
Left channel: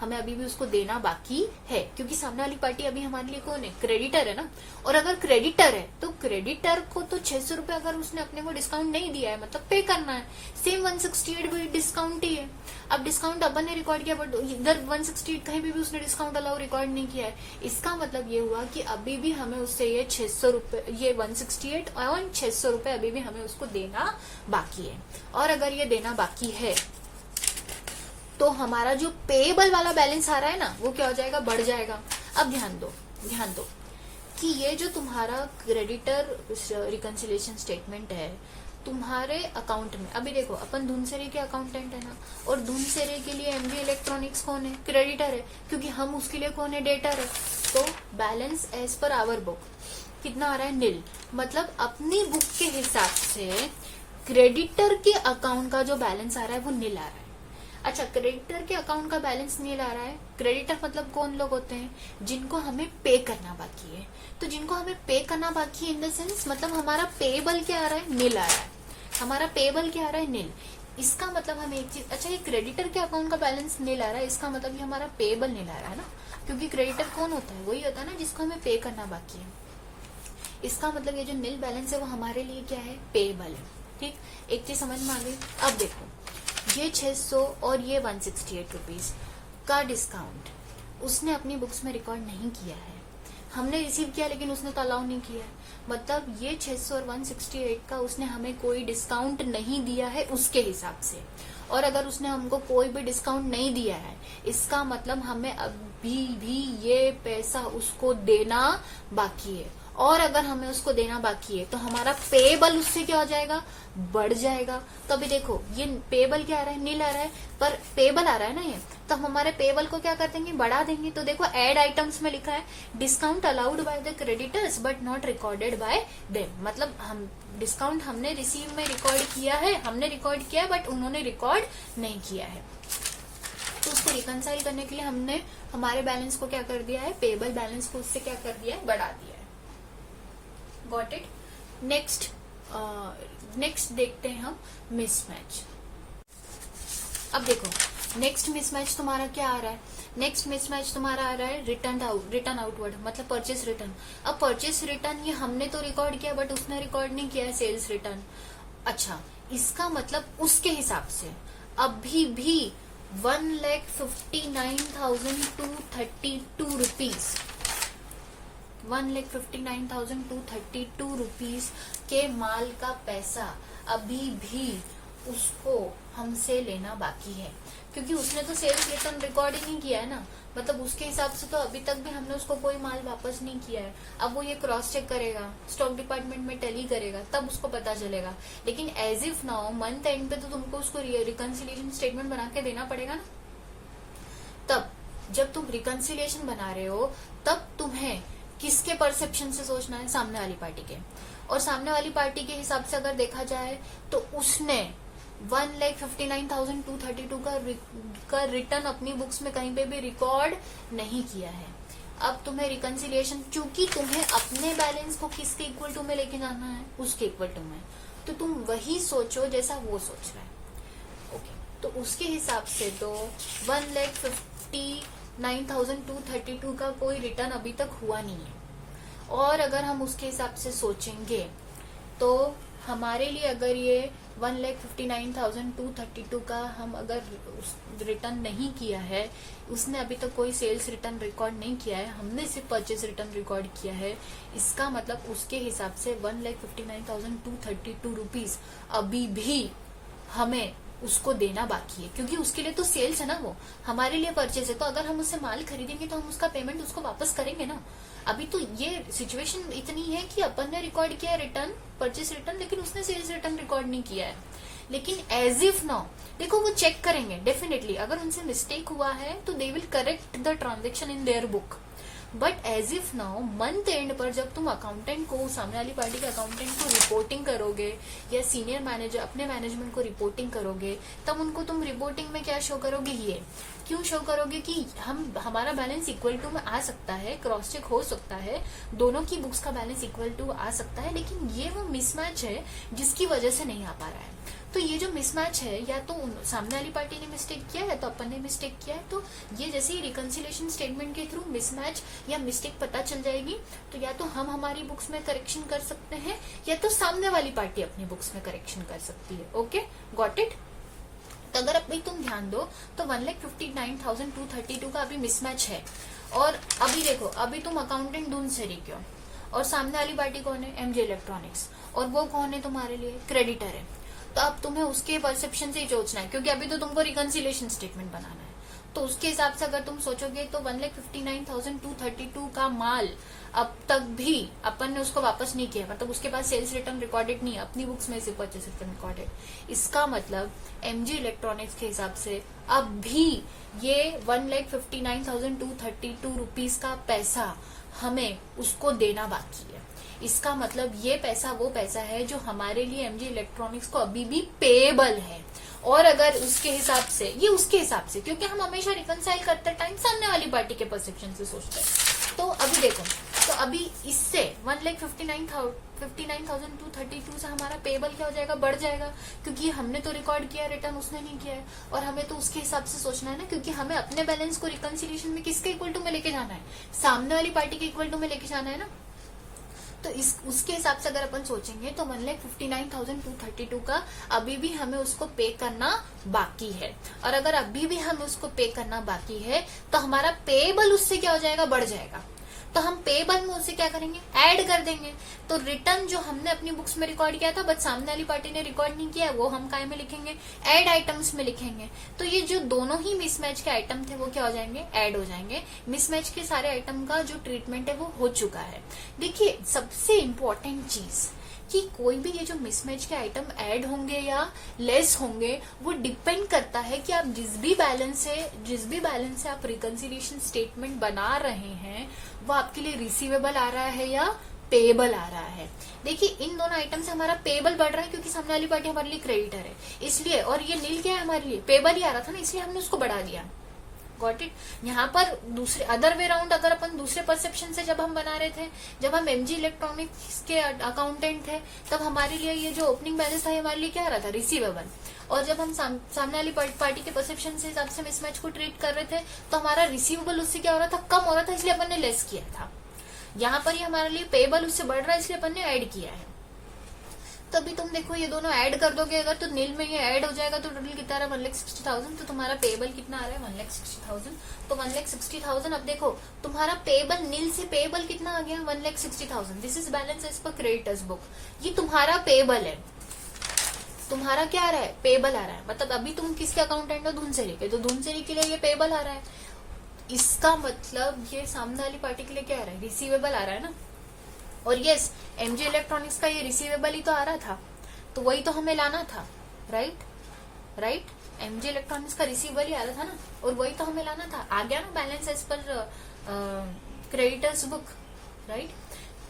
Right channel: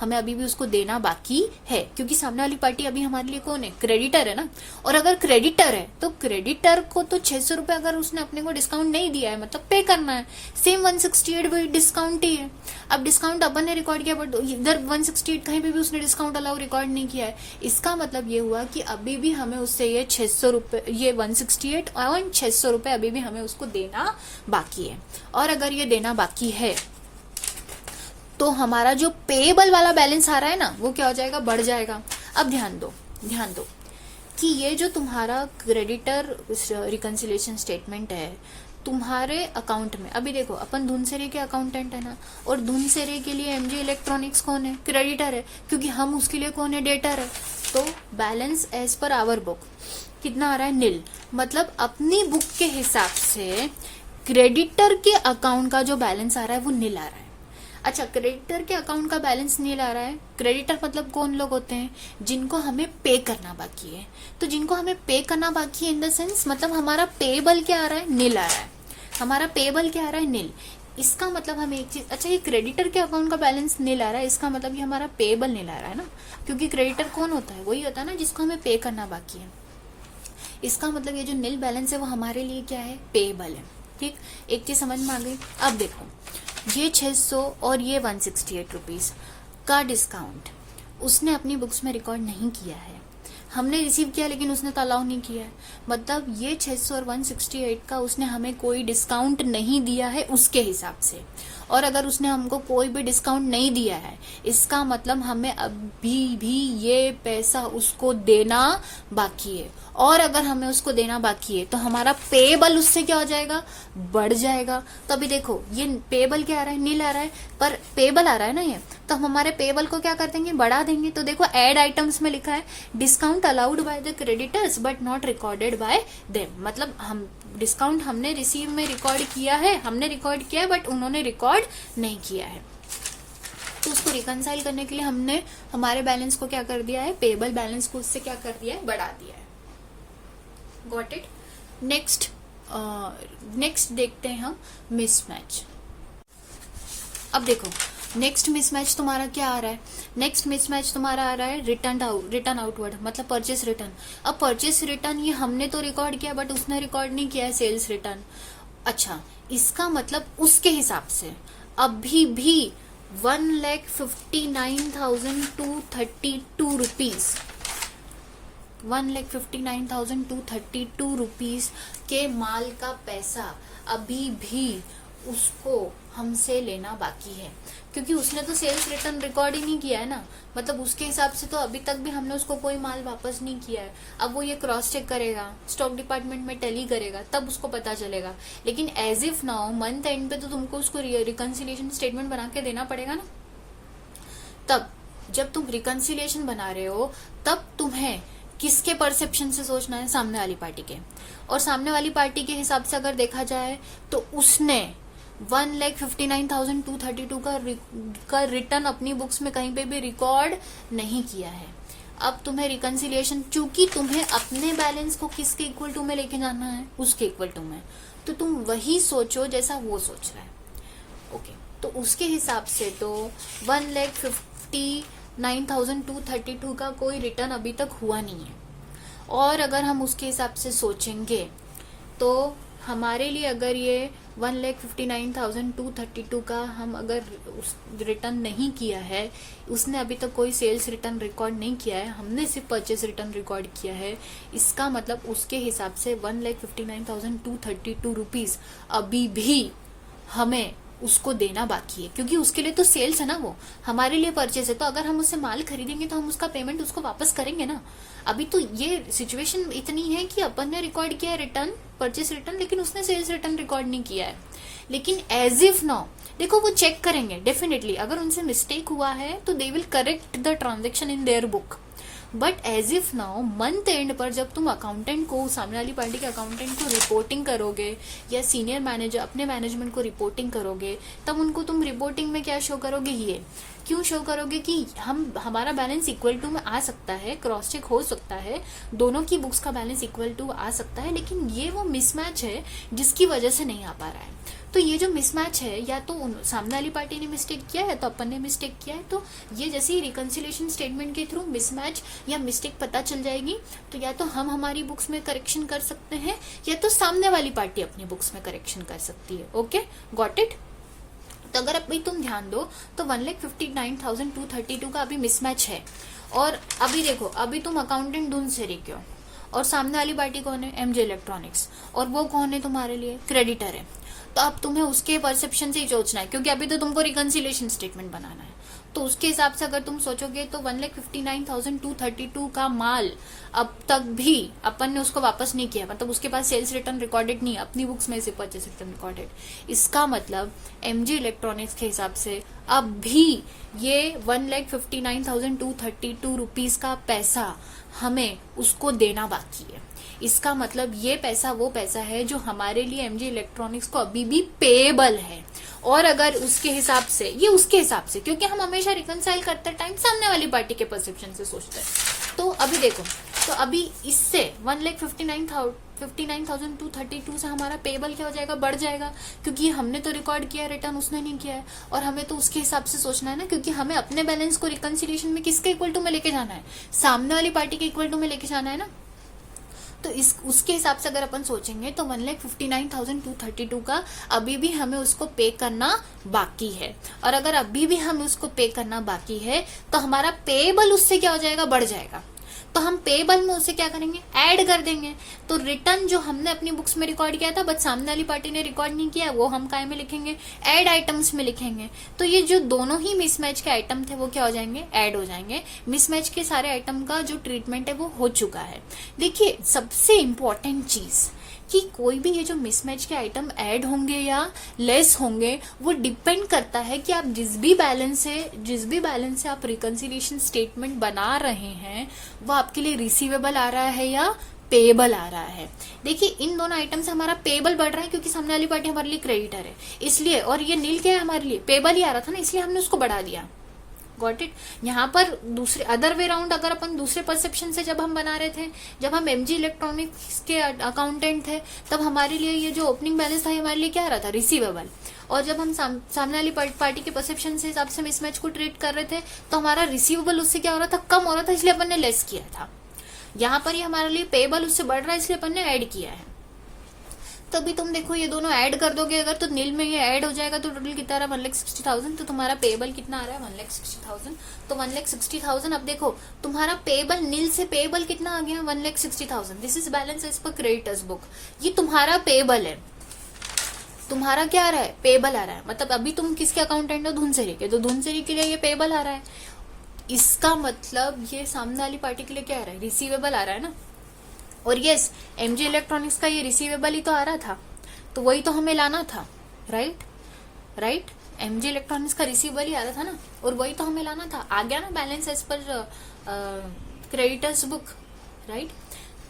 हमें अभी भी उसको देना बाकी है, क्योंकि सामने वाली पार्टी अभी हमारे लिए कौन है? क्रेडिटर है ना। और अगर क्रेडिटर है तो क्रेडिटर को तो 600 रुपए अगर उसने अपने को डिस्काउंट नहीं दिया है मतलब पे करना है, सेम 168 भी डिस्काउंट ही है। अब डिस्काउंट अपन ने रिकॉर्ड किया बट इधर 168 कहीं पे भी उसने डिस्काउंट अलाउ रिकॉर्ड नहीं किया है, इसका मतलब ये हुआ कि अभी भी हमें उससे ये 600 रुपए, ये 168 और 600 रुपए अभी भी हमें उसको देना बाकी है। और अगर ये देना बाकी है तो हमारा जो पेएबल वाला बैलेंस आ रहा है ना वो क्या हो जाएगा? बढ़ जाएगा। अब ध्यान दो कि ये जो तुम्हारा क्रेडिटर रिकंसिलिएशन स्टेटमेंट है तुम्हारे अकाउंट में, अभी देखो अपन धुनसेरे के अकाउंटेंट है ना, और धुनसेरे के लिए एमजी इलेक्ट्रॉनिक्स कौन है? क्रेडिटर है, क्योंकि हम उसके लिए कौन है? डेटर है। तो balance as per our book कितना आ रहा है? नील। मतलब अपनी बुक के हिसाब से क्रेडिटर के अकाउंट का जो बैलेंस आ रहा है वो नील आ रहा है। अच्छा, क्रेडिटर के अकाउंट का बैलेंस नील आ रहा है। क्रेडिटर मतलब कौन लोग होते हैं? जिनको हमें पे करना बाकी है। तो जिनको हमें पे करना बाकी है इन द सेंस मतलब हमारा पेबल क्या आ रहा है? नील आ रहा है। हमारा पेबल क्या आ रहा है? नील। इसका मतलब हमें एक चीज, अच्छा ये क्रेडिटर के अकाउंट का बैलेंस नील आ रहा है, इसका मतलब ये हमारा पेबल नील आ रहा है ना, क्योंकि क्रेडिटर कौन होता है? वही होता है ना जिसको हमें पे करना बाकी है। इसका मतलब ये जो नील बैलेंस है वो हमारे लिए क्या है? पेबल है। ठीक, एक चीज समझ में आ गई। अब देखो ये 600 और ये 168 रुपीज का डिस्काउंट उसने अपनी बुक्स में रिकॉर्ड नहीं किया है, हमने रिसीव किया लेकिन उसने तो अलाउ नहीं किया है। मतलब ये 600 और 168 का उसने हमें कोई डिस्काउंट नहीं दिया है उसके हिसाब से, और अगर उसने हमको कोई भी डिस्काउंट नहीं दिया है इसका मतलब हमें अभी भी ये पैसा उसको देना बाकी है, और अगर हमें उसको देना बाकी है तो हमारा पेबल उससे क्या हो जाएगा? बढ़ जाएगा। तो अभी देखो ये पेबल क्या आ रहा है? नील आ रहा है, पर पेबल आ रहा है ना ये, तो हम हमारे पेबल को क्या कर देंगे? बढ़ा देंगे। तो देखो एड आइटम्स में लिखा है discount allowed by the creditors but not recorded by them, मतलब हम डिस्काउंट हमने रिसीव में रिकॉर्ड किया है, हमने रिकॉर्ड किया है बट उन्होंने रिकॉर्ड नहीं किया है। तो उसको रिकंसाइल करने के लिए हमने हमारे बैलेंस को क्या कर दिया है? पेबल बैलेंस को उससे क्या कर दिया है? बढ़ा दिया है। Got it? नेक्स्ट देखते हैं हम मिसमैच। अब देखो नेक्स्ट मिसमैच तुम्हारा क्या आ रहा है? नेक्स्ट मिसमैच तुम्हारा आ रहा है रिटर्न आउटवर्ड, मतलब परचेस रिटर्न। अब परचेस रिटर्न ये हमने तो रिकॉर्ड किया बट उसने रिकॉर्ड नहीं किया है सेल्स रिटर्न। अच्छा, इसका मतलब उसके हिसाब से अभी भी 1,59,232 रुपीज 1,59,232 रुपीज के माल का पैसा अभी भी उसको हमसे लेना बाकी है, क्योंकि उसने तो सेल्स रिटर्न रिकॉर्ड ही नहीं किया है ना। मतलब उसके हिसाब से तो अभी तक भी हमने उसको कोई माल वापस नहीं किया है। अब वो ये क्रॉस चेक करेगा, स्टॉक डिपार्टमेंट में टैली करेगा, तब उसको पता चलेगा। लेकिन as if now month end पे तो तुमको उसको रिकंसिलिएशन स्टेटमेंट बना के देना पड़ेगा ना। तब जब तुम रिकंसिलिएशन बना रहे हो तब तुम्हें किसके परसेप्शन से सोचना है? सामने वाली पार्टी के। और सामने वाली पार्टी के हिसाब से अगर देखा जाए तो उसने 1,59,232 का रिटर्न अपनी बुक्स में कहीं पे भी रिकॉर्ड नहीं किया है। अब तुम्हें रिकंसिलिएशन, चूंकि तुम्हें अपने बैलेंस को किसके इक्वल टू में लेके जाना है? उसके इक्वल टू में, तो तुम वही सोचो जैसा वो सोच रहा है। ओके, तो उसके हिसाब से तो 1,50,000 9,232 का कोई रिटर्न अभी तक हुआ नहीं है। और अगर हम उसके हिसाब से सोचेंगे तो हमारे लिए अगर ये 1,59,232 का हम अगर रिटर्न नहीं किया है, उसने अभी तक कोई सेल्स रिटर्न रिकॉर्ड नहीं किया है, हमने सिर्फ परचेस रिटर्न रिकॉर्ड किया है, इसका मतलब उसके हिसाब से 1,59,232 रुपीज अभी भी हमें उसको देना बाकी है, क्योंकि उसके लिए तो सेल्स है ना, वो हमारे लिए परचेस है। तो अगर हम उससे माल खरीदेंगे तो हम उसका पेमेंट उसको वापस करेंगे ना। अभी तो ये सिचुएशन इतनी है कि अपन ने रिकॉर्ड किया है रिटर्न, परचेस रिटर्न, लेकिन उसने सेल्स रिटर्न रिकॉर्ड नहीं किया है। लेकिन एज इफ नाउ देखो वो चेक करेंगे डेफिनेटली, अगर उनसे मिस्टेक हुआ है तो they will correct the transaction in their book. But as if now month end पर जब तुम अकाउंटेंट को, सामने वाली पार्टी के अकाउंटेंट को रिपोर्टिंग करोगे या सीनियर मैनेजर अपने मैनेजमेंट को रिपोर्टिंग करोगे, तब उनको तुम रिपोर्टिंग में क्या शो करोगे, ये क्यों शो करोगे कि हमारा बैलेंस इक्वल टू में आ सकता है, क्रॉस चेक हो सकता है, दोनों की बुक्स का बैलेंस इक्वल टू आ सकता है, लेकिन ये वो मिसमैच है जिसकी वजह से नहीं आ पा रहा है। तो ये जो मिसमैच है, या तो सामने वाली पार्टी ने मिस्टेक किया है तो अपन ने मिस्टेक किया है, तो ये जैसे ही रिकंसिलिएशन स्टेटमेंट के थ्रू मिसमैच या मिस्टेक पता चल जाएगी, तो या तो हम हमारी बुक्स में करेक्शन कर सकते हैं या तो सामने वाली पार्टी अपनी बुक्स में करेक्शन कर सकती है। Okay, got it. तो अगर अभी तुम ध्यान दो तो 1,59,232 का अभी मिसमैच है। और अभी देखो, अभी तुम अकाउंटेंट ढूंढ से रही क्यों, और सामने वाली पार्टी कौन है, एमजे इलेक्ट्रॉनिक्स, और वो कौन है तुम्हारे लिए, क्रेडिटर है। तो अब तुम्हें उसके परसेप्शन से ही सोचना है, क्योंकि अभी तो तुमको रिकंसिलिएशन स्टेटमेंट बनाना है। तो उसके हिसाब से अगर तुम सोचोगे तो 1,59,232 का माल अब तक भी अपन ने उसको वापस नहीं किया, मतलब उसके पास सेल्स रिटर्न रिकॉर्डेड नहीं, अपनी बुक्स में से परचेस रिटर्न रिकॉर्डेड। इसका मतलब एमजी इलेक्ट्रॉनिक्स के हिसाब से अब भी ये 1,59,232 रुपीज का पैसा हमें उसको देना बाकी है। इसका मतलब ये पैसा वो पैसा है जो हमारे लिए एमजी इलेक्ट्रॉनिक्स को अभी भी पेएबल है। और अगर उसके हिसाब से, ये उसके हिसाब से, क्योंकि हम हमेशा रिकंसाइल करते टाइम सामने वाली पार्टी के परसेप्शन से सोचते हैं। तो अभी देखो, तो अभी इससे 1,59,232 से हमारा पेएबल क्या हो जाएगा, बढ़ जाएगा, क्योंकि हमने तो रिकॉर्ड किया रिटर्न, उसने नहीं किया है। और हमें तो उसके हिसाब से सोचना है ना, क्योंकि हमें अपने बैलेंस को रिकंसिलिएशन में किसके इक्वल टू में लेके जाना है, सामने वाली पार्टी के इक्वल टू में लेके जाना है ना। तो उसके हिसाब से अगर अपन सोचेंगे तो 1,59,232 का अभी भी हमें उसको पे करना बाकी है। और अगर अभी भी हमें उसको पे करना बाकी है तो हमारा पेएबल उससे क्या हो जाएगा, बढ़ जाएगा। तो हम पेएबल में उसे क्या करेंगे, ऐड कर देंगे। तो रिटर्न जो हमने अपनी बुक्स में रिकॉर्ड किया था बट सामने वाली पार्टी ने रिकॉर्ड नहीं किया, वो हम काय में लिखेंगे, ऐड आइटम्स में लिखेंगे। तो ये जो दोनों ही मिसमैच के आइटम थे वो क्या हो जाएंगे, ऐड हो जाएंगे। मिसमैच के सारे आइटम का जो ट्रीटमेंट है वो हो चुका है। देखिए सबसे इंपॉर्टेंट चीज कि कोई भी ये जो मिसमैच के आइटम ऐड होंगे या लेस होंगे, वो डिपेंड करता है कि आप जिस भी बैलेंस से आप रिकंसिलिएशन स्टेटमेंट बना रहे हैं वो आपके लिए रिसीवेबल आ रहा है या पेएबल आ रहा है। देखिए इन दोनों आइटम से हमारा पेएबल बढ़ रहा है क्योंकि सामने वाली पार्टी हमारे लिए क्रेडिटर है इसलिए, और ये नील क्या है हमारे लिए, पेएबल ही आ रहा था ना, इसलिए हमने उसको बढ़ा दिया। Got it. यहाँ पर दूसरे अदर वे राउंड अगर अपन दूसरे परसेप्शन से जब हम बना रहे थे, जब हम एमजी इलेक्ट्रॉनिक्स के अकाउंटेंट थे, तब हमारे लिए ये जो ओपनिंग बैलेंस था हमारे लिए क्या आ रहा था, रिसीवेबल। और जब हम सामने वाली पार्टी के परसेप्शन से हिसाब से मिसमैच को ट्रीट कर रहे थे तो हमारा रिसीवेबल उससे क्या हो रहा था, कम हो रहा था, इसलिए अपन ने लेस किया था। यहाँ पर ये हमारे लिए पेएबल उससे बढ़ रहा है इसलिए अपन ने ऐड किया है। तभी तुम देखो ये दोनों ऐड कर दोगे अगर, तो नील में ये ऐड हो जाएगा तो टोटल कितना आ रहा है, 1,60,000। तो तुम्हारा पेएबल कितना आ रहा है, 1,60,000। तो 1,60,000। अब देखो तुम्हारा पेएबल, नील से पेएबल कितना आ गया, 1,60,000। This is balance as per creditors book. ये तुम्हारा पेएबल है, तुम्हारा क्या आ रहा है, पेएबल आ रहा है। मतलब अभी तुम किसके अकाउंटेंट हो, धुनसेरी के, तो धुनसेरी के लिए ये पेएबल आ रहा है। इसका मतलब ये सामने वाली पार्टी के लिए क्या आ रहा है, रिसीवेबल आ रहा है ना। और यस, एमजी इलेक्ट्रॉनिक्स का ये रिसीवेबल ही तो आ रहा था, तो वही तो हमें लाना था, राइट। एमजी इलेक्ट्रॉनिक्स का रिसीवेबल ही आ रहा था ना, और वही तो हमें लाना था। आ गया ना balance as per creditors book, right.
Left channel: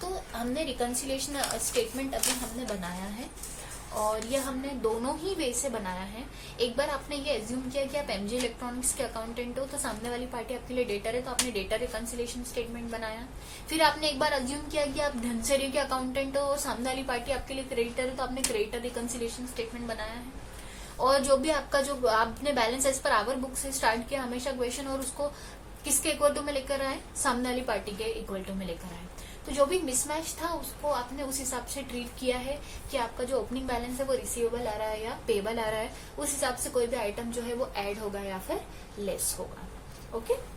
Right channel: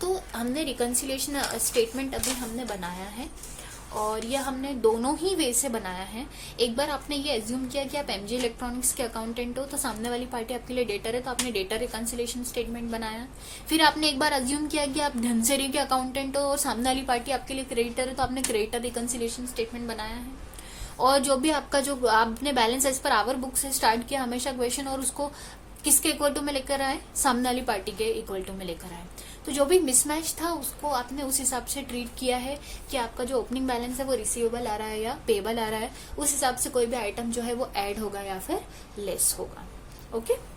तो हमने रिकंसिलिएशन स्टेटमेंट अभी हमने बनाया है और ये हमने दोनों ही वे से बनाया है। एक बार आपने ये एज्यूम किया कि आप एमजी इलेक्ट्रॉनिक्स के अकाउंटेंट हो तो सामने वाली पार्टी आपके लिए डेटर है, तो आपने डेटर रिकंसिलिएशन स्टेटमेंट बनाया। फिर आपने एक बार एज्यूम किया कि आप धनसेरी के अकाउंटेंट हो और सामने वाली पार्टी आपके लिए क्रेडिटर है, तो आपने क्रेडिटर रिकंसिलिएशन स्टेटमेंट बनाया है। और जो भी आपका जो आपने balance as per our book से स्टार्ट किया हमेशा क्वेश्चन, और उसको किसके इक्वल टू में लेकर आए, सामने वाली पार्टी के इक्वल टू में लेकर आए। तो जो भी मिसमैच था उसको आपने उस हिसाब से ट्रीट किया है कि आपका जो ओपनिंग बैलेंस है वो रिसीवेबल आ रहा है या पेबल आ रहा है, उस हिसाब से कोई भी आइटम जो है वो ऐड होगा या फिर लेस होगा। ओके।